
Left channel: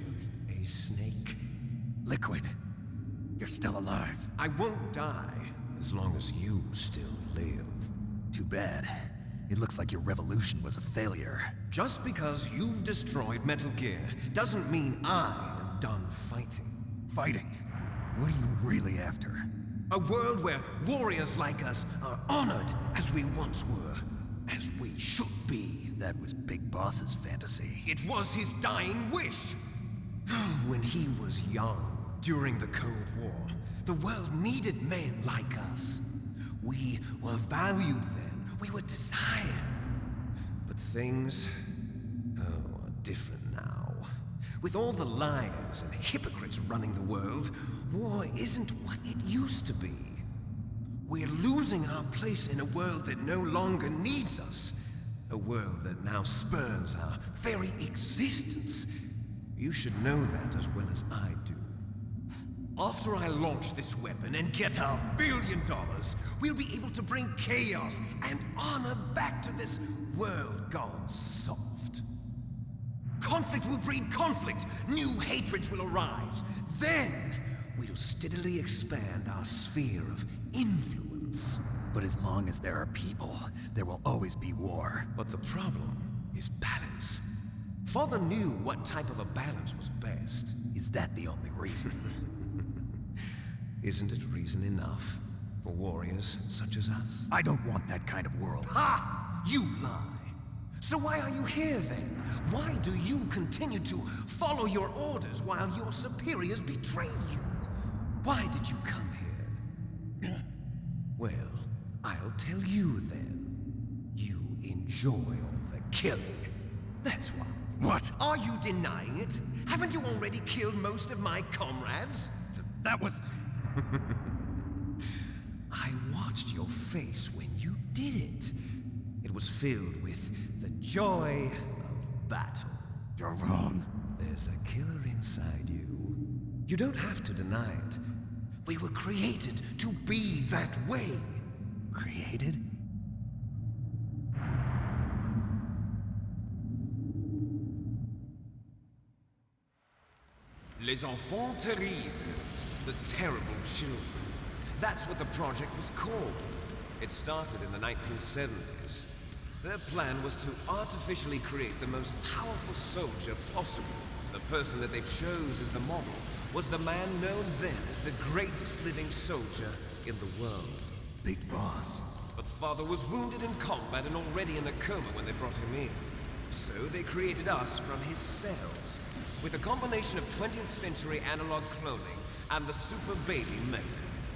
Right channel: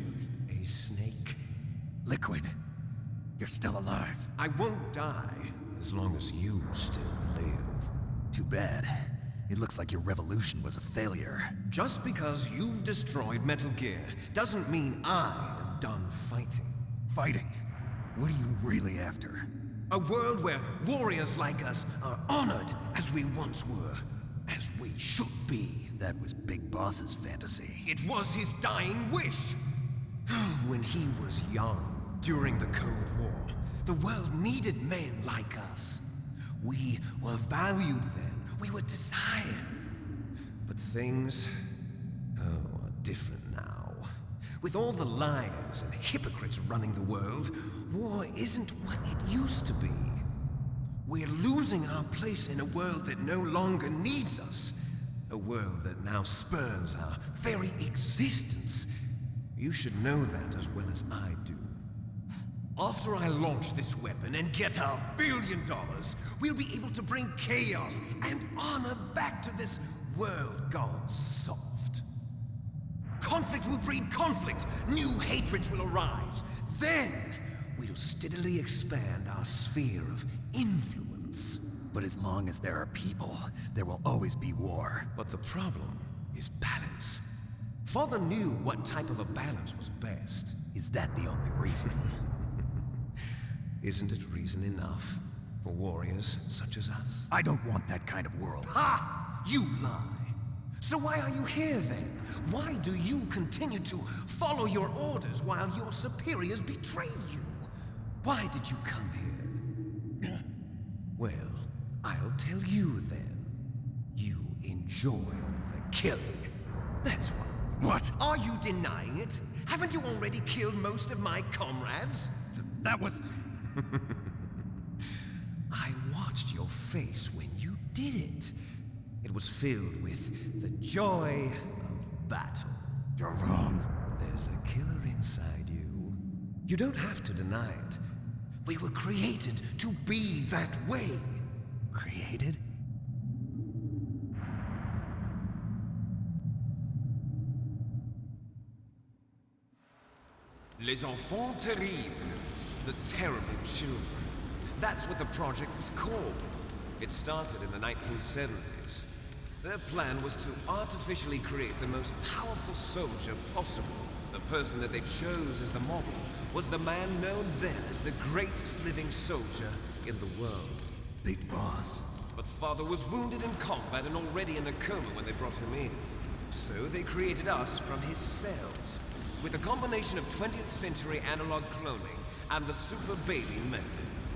A snake? Liquid, you're still alive. I won't die as long as you still live. Too bad. It looks like your revolution was a failure. Just because you've destroyed Metal Gear doesn't mean I am done fighting. Fighting? What are you really after? A world where warriors like us are honored as we once were, as we should be. That was Big Boss's fantasy. It was his dying wish. When he was young, during the Cold War, the world needed men like us. We were valued then. We were desired. But things, are different now. With all the liars and hypocrites running the world, war isn't what it used to be. We're losing our place in a world that no longer needs us. A world that now spurns our very existence. You should know that as well as I do. After I launch this weapon and get our $1 billion, we'll be able to bring chaos and honor back to this world gone soft. Conflict will breed conflict. New hatreds will arise. Then, we'll steadily expand our sphere of influence. But as long as there are people, there will always be war. But the problem is balance. Father knew what type of a balance was best. Is that the only reason? Isn't it reason enough for warriors such as us? I don't want that kind of world. Ha! You lie! So why are you here then? Why do you continue to follow your orders while your superiors betray you? Why did you come here? Well, I'll tell you then. You enjoy all the killing. That's why. What? Are you denying it? Haven't you already killed most of my comrades? That was... I watched your face when you did it. It was filled with the joy of battle. You're wrong. There's a killer inside you. You don't have to deny it. We were created to be that way. Created? Les enfants terribles. The terrible children. That's what the project was called. It started in the 1970s. Their plan was to artificially create the most powerful soldier possible. The person that they chose as the model was the man known then as the greatest living soldier in the world. Big boss. But Father was wounded in combat and already in a coma when they brought him in. So they created us from his cells, with a combination of 20th century analog cloning and the super baby method.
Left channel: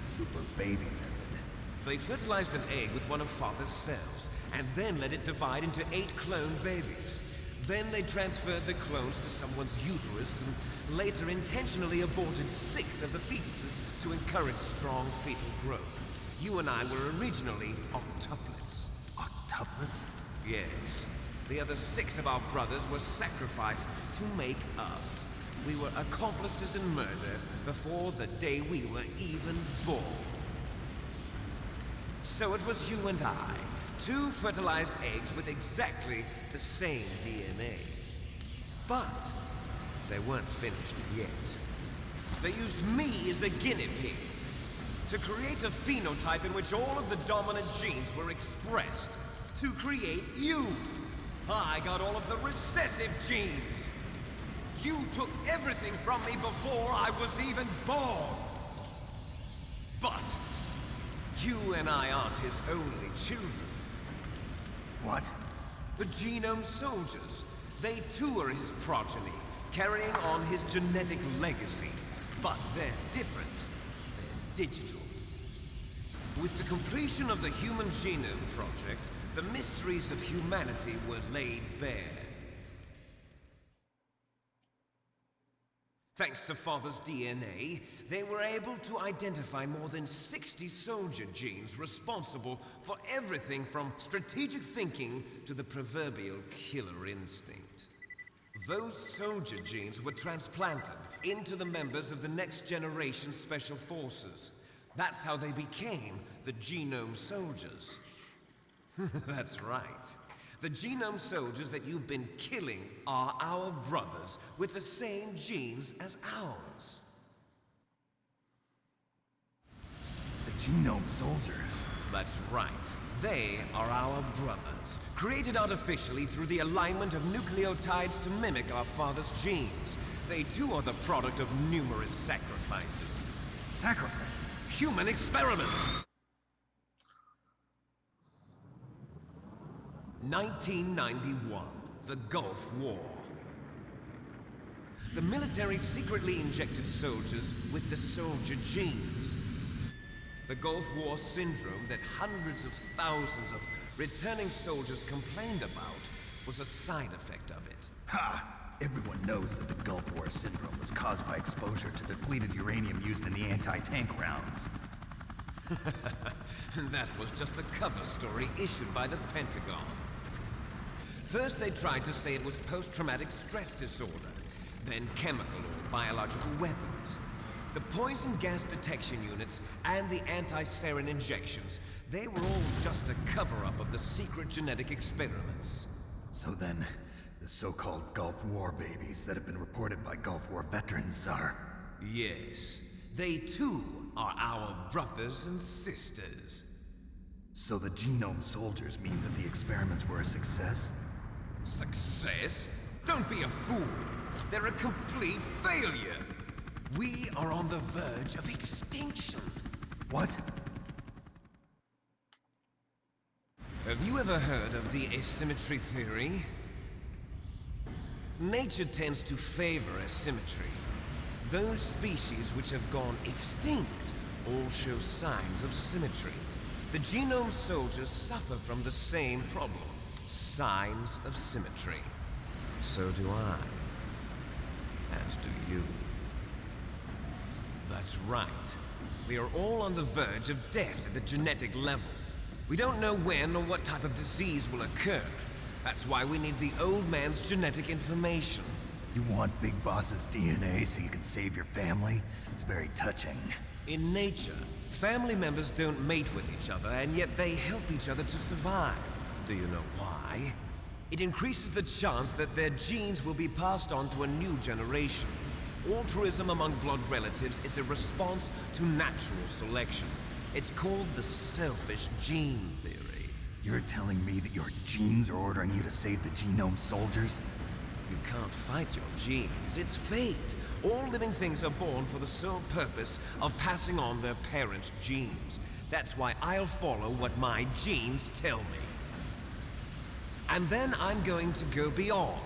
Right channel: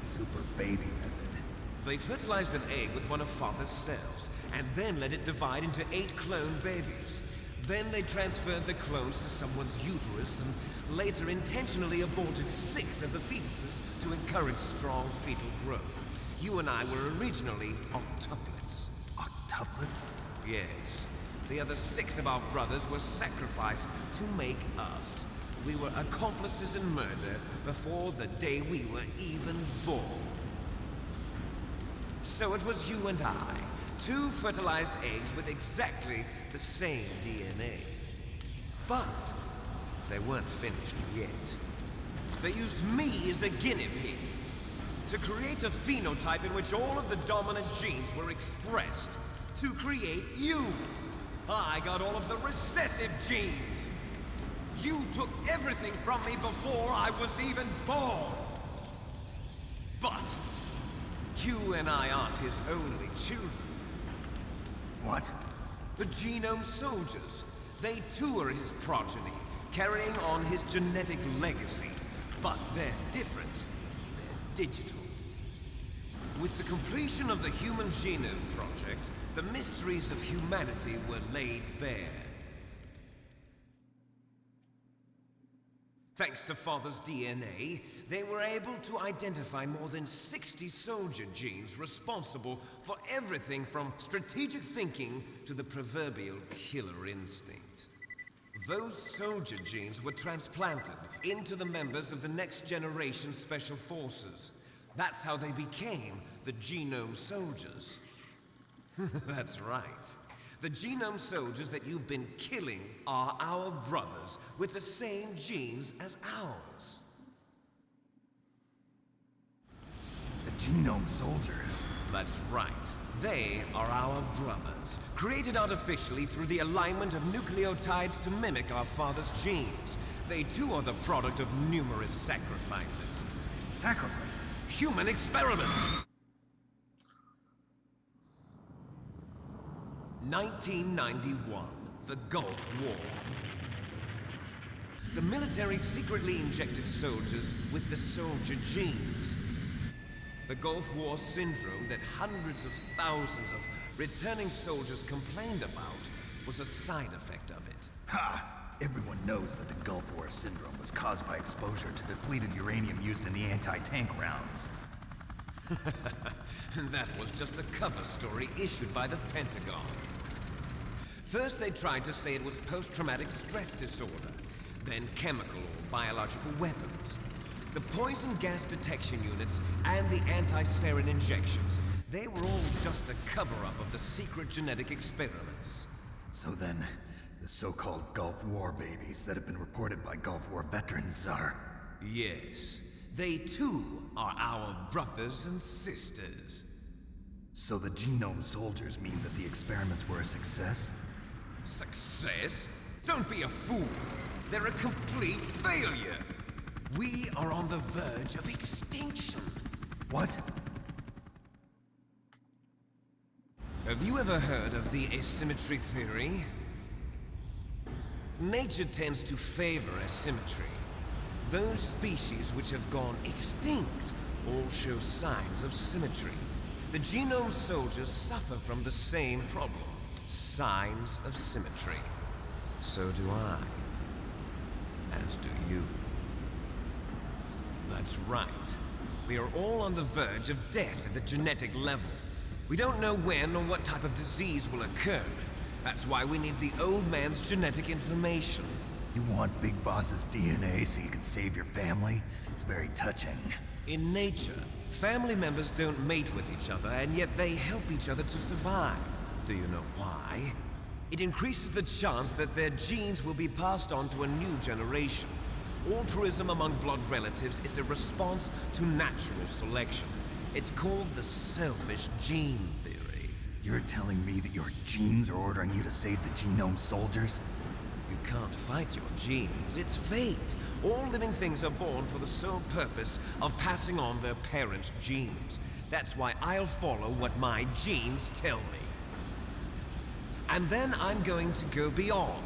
Super baby method. They fertilized an egg with one of Father's cells, and then let it divide into 8 clone babies. Then they transferred the clones to someone's uterus and later intentionally aborted 6 of the fetuses to encourage strong fetal growth. You and I were originally octuplets. Octuplets? Yes. The other 6 of our brothers were sacrificed to make us. We were accomplices in murder before the day we were even born. So it was you and I, 2 fertilized eggs with exactly the same DNA. But they weren't finished yet. They used me as a guinea pig to create a phenotype in which all of the dominant genes were expressed. To create you. I got all of the recessive genes. You took everything from me before I was even born. But you and I aren't his only children. What? The genome soldiers. They too are his progeny, carrying on his genetic legacy. But they're different. They're digital. With the completion of the Human Genome Project, the mysteries of humanity were laid bare. Thanks to Father's DNA, they were able to identify more than 60 soldier genes responsible for everything from strategic thinking to the proverbial killer instinct. Those soldier genes were transplanted into the members of the next generation special forces. That's how they became the genome soldiers. That's right. The genome soldiers that you've been killing are our brothers with the same genes as ours. The genome soldiers? That's right. They are our brothers, created artificially through the alignment of nucleotides to mimic our father's genes. They too are the product of numerous sacrifices. Sacrifices? Human experiments! 1991, the Gulf War. The military secretly injected soldiers with the soldier genes. The Gulf War syndrome that hundreds of thousands of returning soldiers complained about was a side effect of it. Ha! Everyone knows that the Gulf War syndrome was caused by exposure to depleted uranium used in the anti-tank rounds. That was just a cover story issued by the Pentagon. First they tried to say it was post-traumatic stress disorder, then chemical or biological weapons. The poison gas detection units and the anti-sarin injections, they were all just a cover-up of the secret genetic experiments. So then, the so-called Gulf War babies that have been reported by Gulf War veterans are... Yes, they too are our brothers and sisters. So the genome soldiers mean that the experiments were a success? Success? Don't be a fool. They're a complete failure. We are on the verge of extinction. What? Have you ever heard of the asymmetry theory? Nature tends to favor asymmetry. Those species which have gone extinct all show signs of symmetry. The genome soldiers suffer from the same problem. Signs of symmetry. So do I. As do you. That's right. We are all on the verge of death at the genetic level. We don't know when or what type of disease will occur. That's why we need the old man's genetic information. You want Big Boss's DNA so you can save your family? It's very touching. In nature, family members don't mate with each other, and yet they help each other to survive. Do you know why? It increases the chance that their genes will be passed on to a new generation. Altruism among blood relatives is a response to natural selection. It's called the selfish gene theory. You're telling me that your genes are ordering you to save the genome soldiers? You can't fight your genes. It's fate. All living things are born for the sole purpose of passing on their parents' genes. That's why I'll follow what my genes tell me. And then I'm going to go beyond.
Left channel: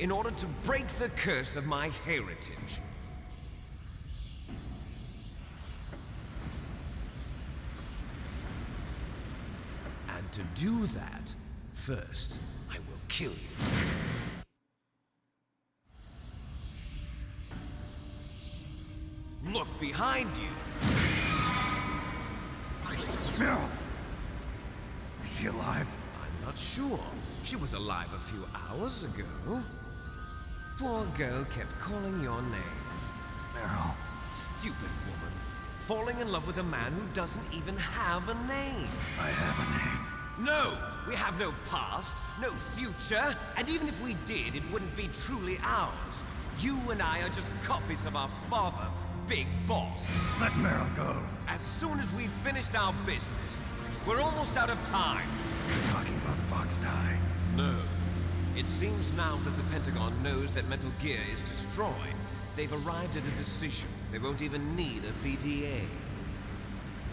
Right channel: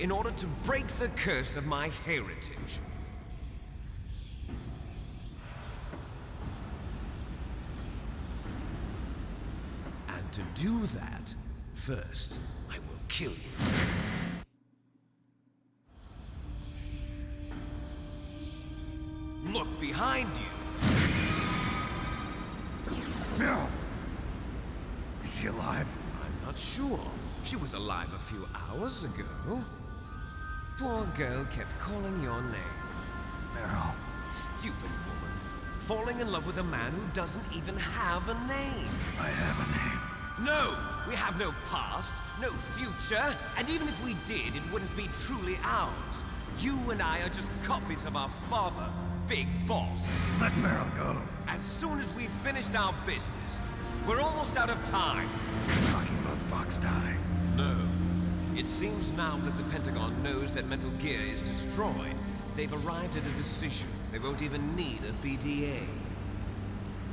In order to break the curse of my heritage. And to do that, first, I will kill you. Look behind you! Meryl! Is she alive? I'm not sure. She was alive a few hours ago. Poor girl kept calling your name. Meryl. Stupid woman. Falling in love with a man who doesn't even have a name. I have a name. No! We have no past, no future, and even if we did, it wouldn't be truly ours. You and I are just copies of our father, Big Boss. Let Meryl go. As soon as we've finished our business, we're almost out of time. You're talking about Fox Die. No. It seems now that the Pentagon knows that Metal Gear is destroyed. They've arrived at a decision. They won't even need a PDA.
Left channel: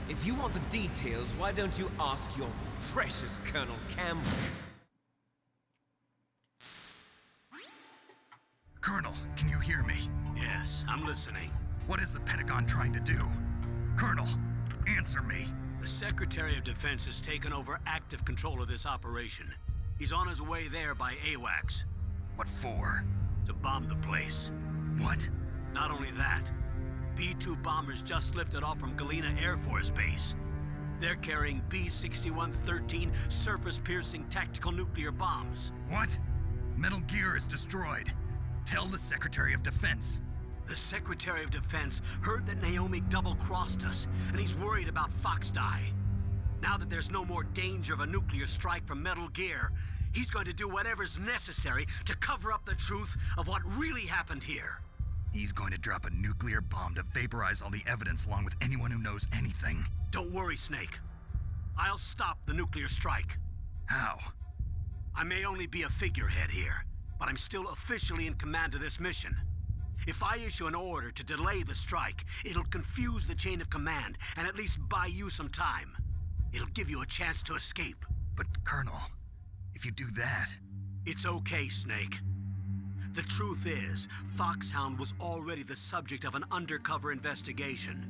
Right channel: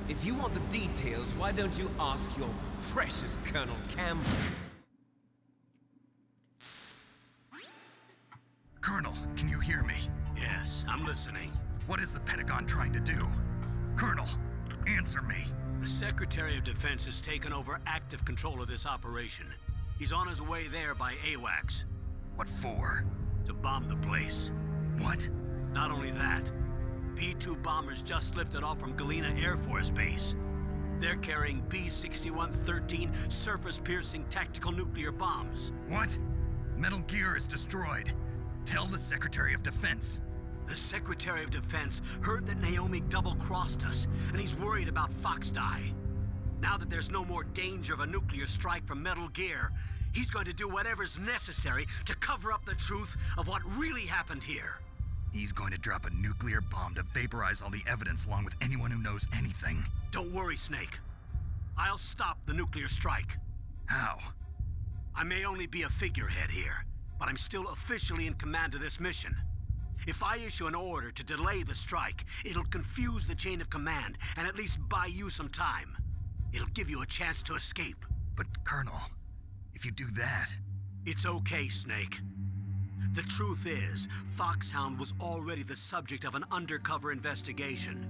If you want the details, why don't you ask your precious Colonel Campbell? Colonel, can you hear me? Yes, I'm listening. What is the Pentagon trying to do? Colonel, answer me. The Secretary of Defense has taken over active control of this operation. He's on his way there by AWACS. What for? To bomb the place. What? Not only that, B-2 bombers just lifted off from Galena Air Force Base. They're carrying B-6113 surface-piercing tactical nuclear bombs. What? Metal Gear is destroyed. Tell the Secretary of Defense. The Secretary of Defense heard that Naomi double-crossed us, and he's worried about Fox Die. Now that there's no more danger of a nuclear strike from Metal Gear, he's going to do whatever's necessary to cover up the truth of what really happened here. He's going to drop a nuclear bomb to vaporize all the evidence along with anyone who knows anything. Don't worry, Snake. I'll stop the nuclear strike. How? I may only be a figurehead here, but I'm still officially in command of this mission. If I issue an order to delay the strike, it'll confuse the chain of command and at least buy you some time. It'll give you a chance to escape. But, Colonel, if you do that... It's okay, Snake. The truth is, Foxhound was already the subject of an undercover investigation.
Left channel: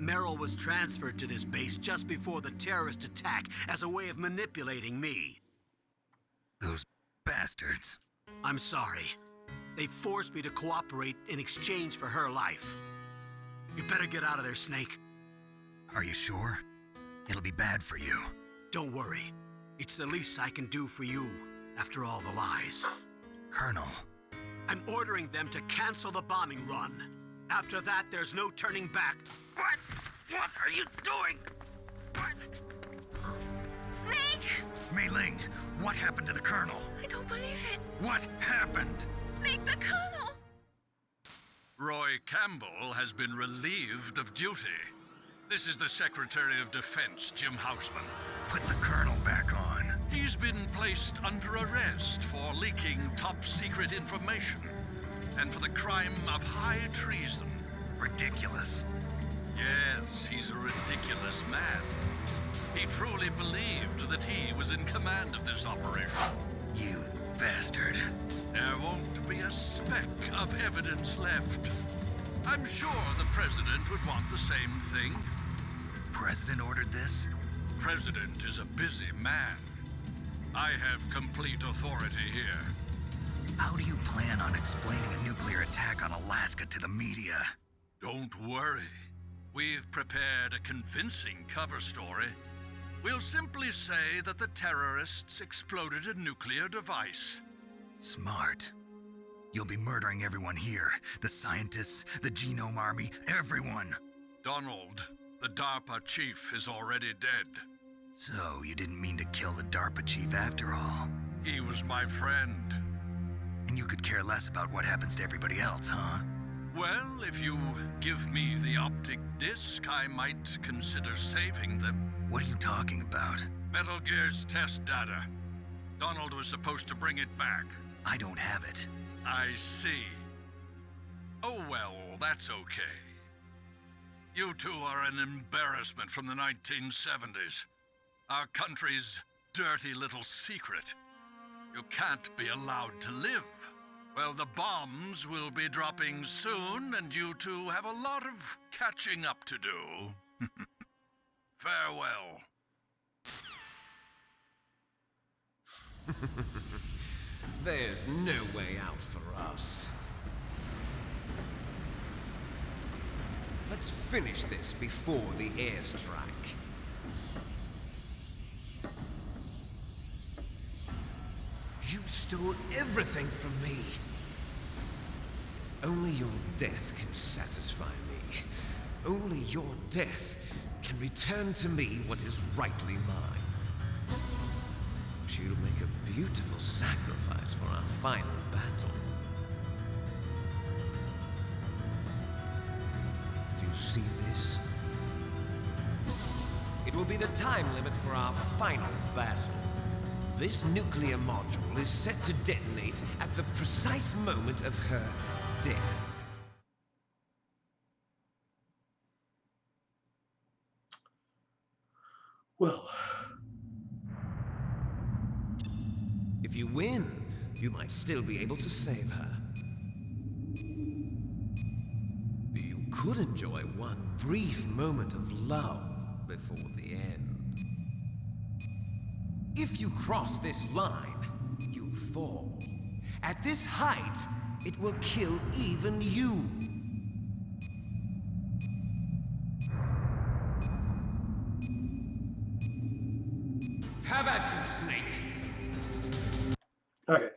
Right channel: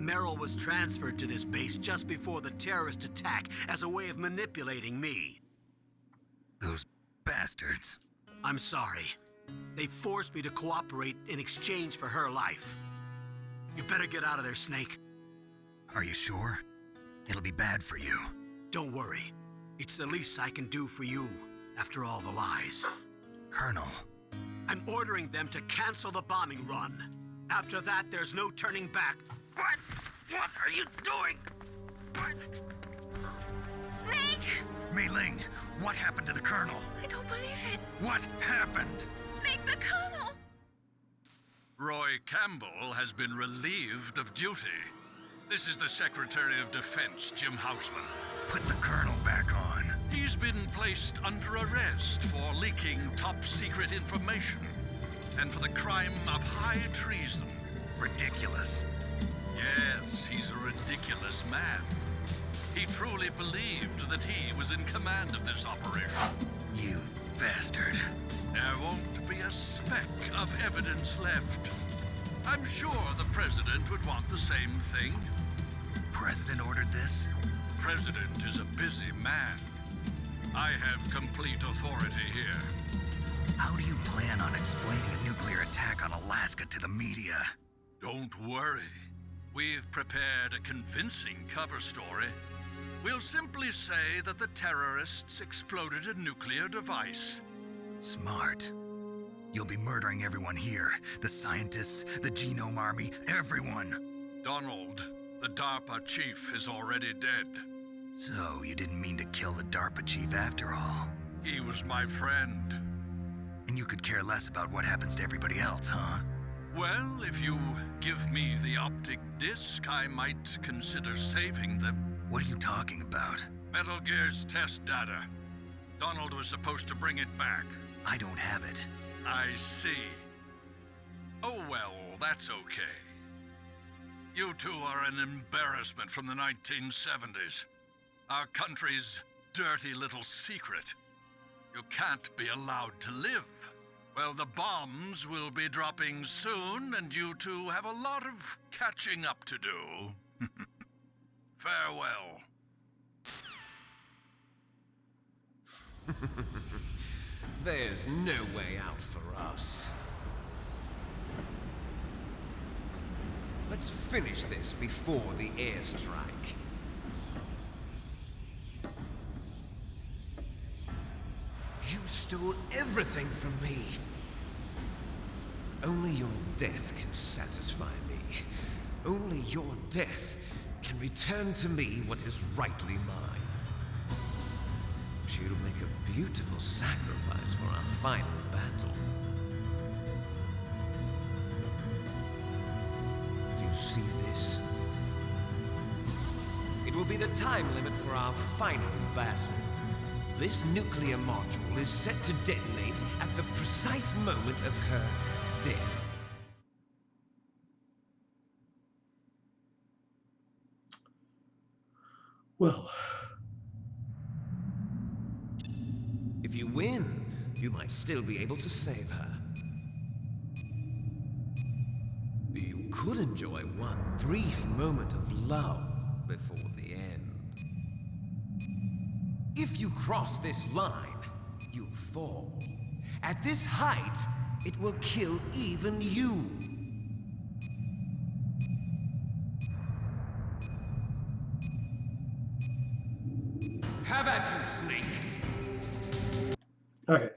Meryl was transferred to this base just before the terrorist attack as a way of manipulating me. Those bastards. I'm sorry. They forced me to cooperate in exchange for her life. You better get out of there, Snake. Are you sure? It'll be bad for you. Don't worry. It's the least I can do for you, after all the lies. Colonel. I'm ordering them to cancel the bombing run. After that, there's no turning back. What? What are you doing? What? Snake! Mei Ling, what happened to the Colonel? I don't believe it. What happened? Snake, the Colonel! Roy Campbell has been relieved of duty. This is the Secretary of Defense, Jim Houseman. Put the Colonel back on. He's been placed under arrest for leaking top-secret information and for the crime of high treason. Ridiculous. Yes, he's a ridiculous man. He truly believed that he was in command of this operation. You bastard. There won't be a speck of evidence left. I'm sure the President would want the same thing. president ordered this? The president is a busy man. I have complete authority here. How do you plan on explaining a nuclear attack on Alaska to the media? Don't worry. We've prepared a convincing cover story. We'll simply say that the terrorists exploded a nuclear device. Smart. You'll be murdering everyone here. The scientists, the Genome Army, everyone. Donald, the DARPA chief, is already dead. So, you didn't mean to kill the DARPA chief after all. He was my friend. And you could care less about what happens to everybody else, huh? Well, if you give me the optic disc, I might consider saving them. What are you talking about? Metal Gear's test data. Donald was supposed to bring it back. I don't have it. I see. Oh well, that's okay. You two are an embarrassment from the 1970s. Our country's dirty little secret. You can't be allowed to live. Well, the bombs will be dropping soon, and you two have a lot of catching up to do. Farewell. There's no way out for us. Let's finish this before the airstrike. You stole everything from me. Only your death can satisfy me. Only your death can return to me what is rightly mine. She'll make a beautiful sacrifice for our final battle. Do you see this? It will be the time limit for our final battle. This nuclear module is set to detonate at the precise moment of her death. Well, If you win, you might still be able to save her. You could enjoy one brief moment of love before the end. If you cross this line, you fall. At this height, it will kill even you. Have at you, Snake. okay.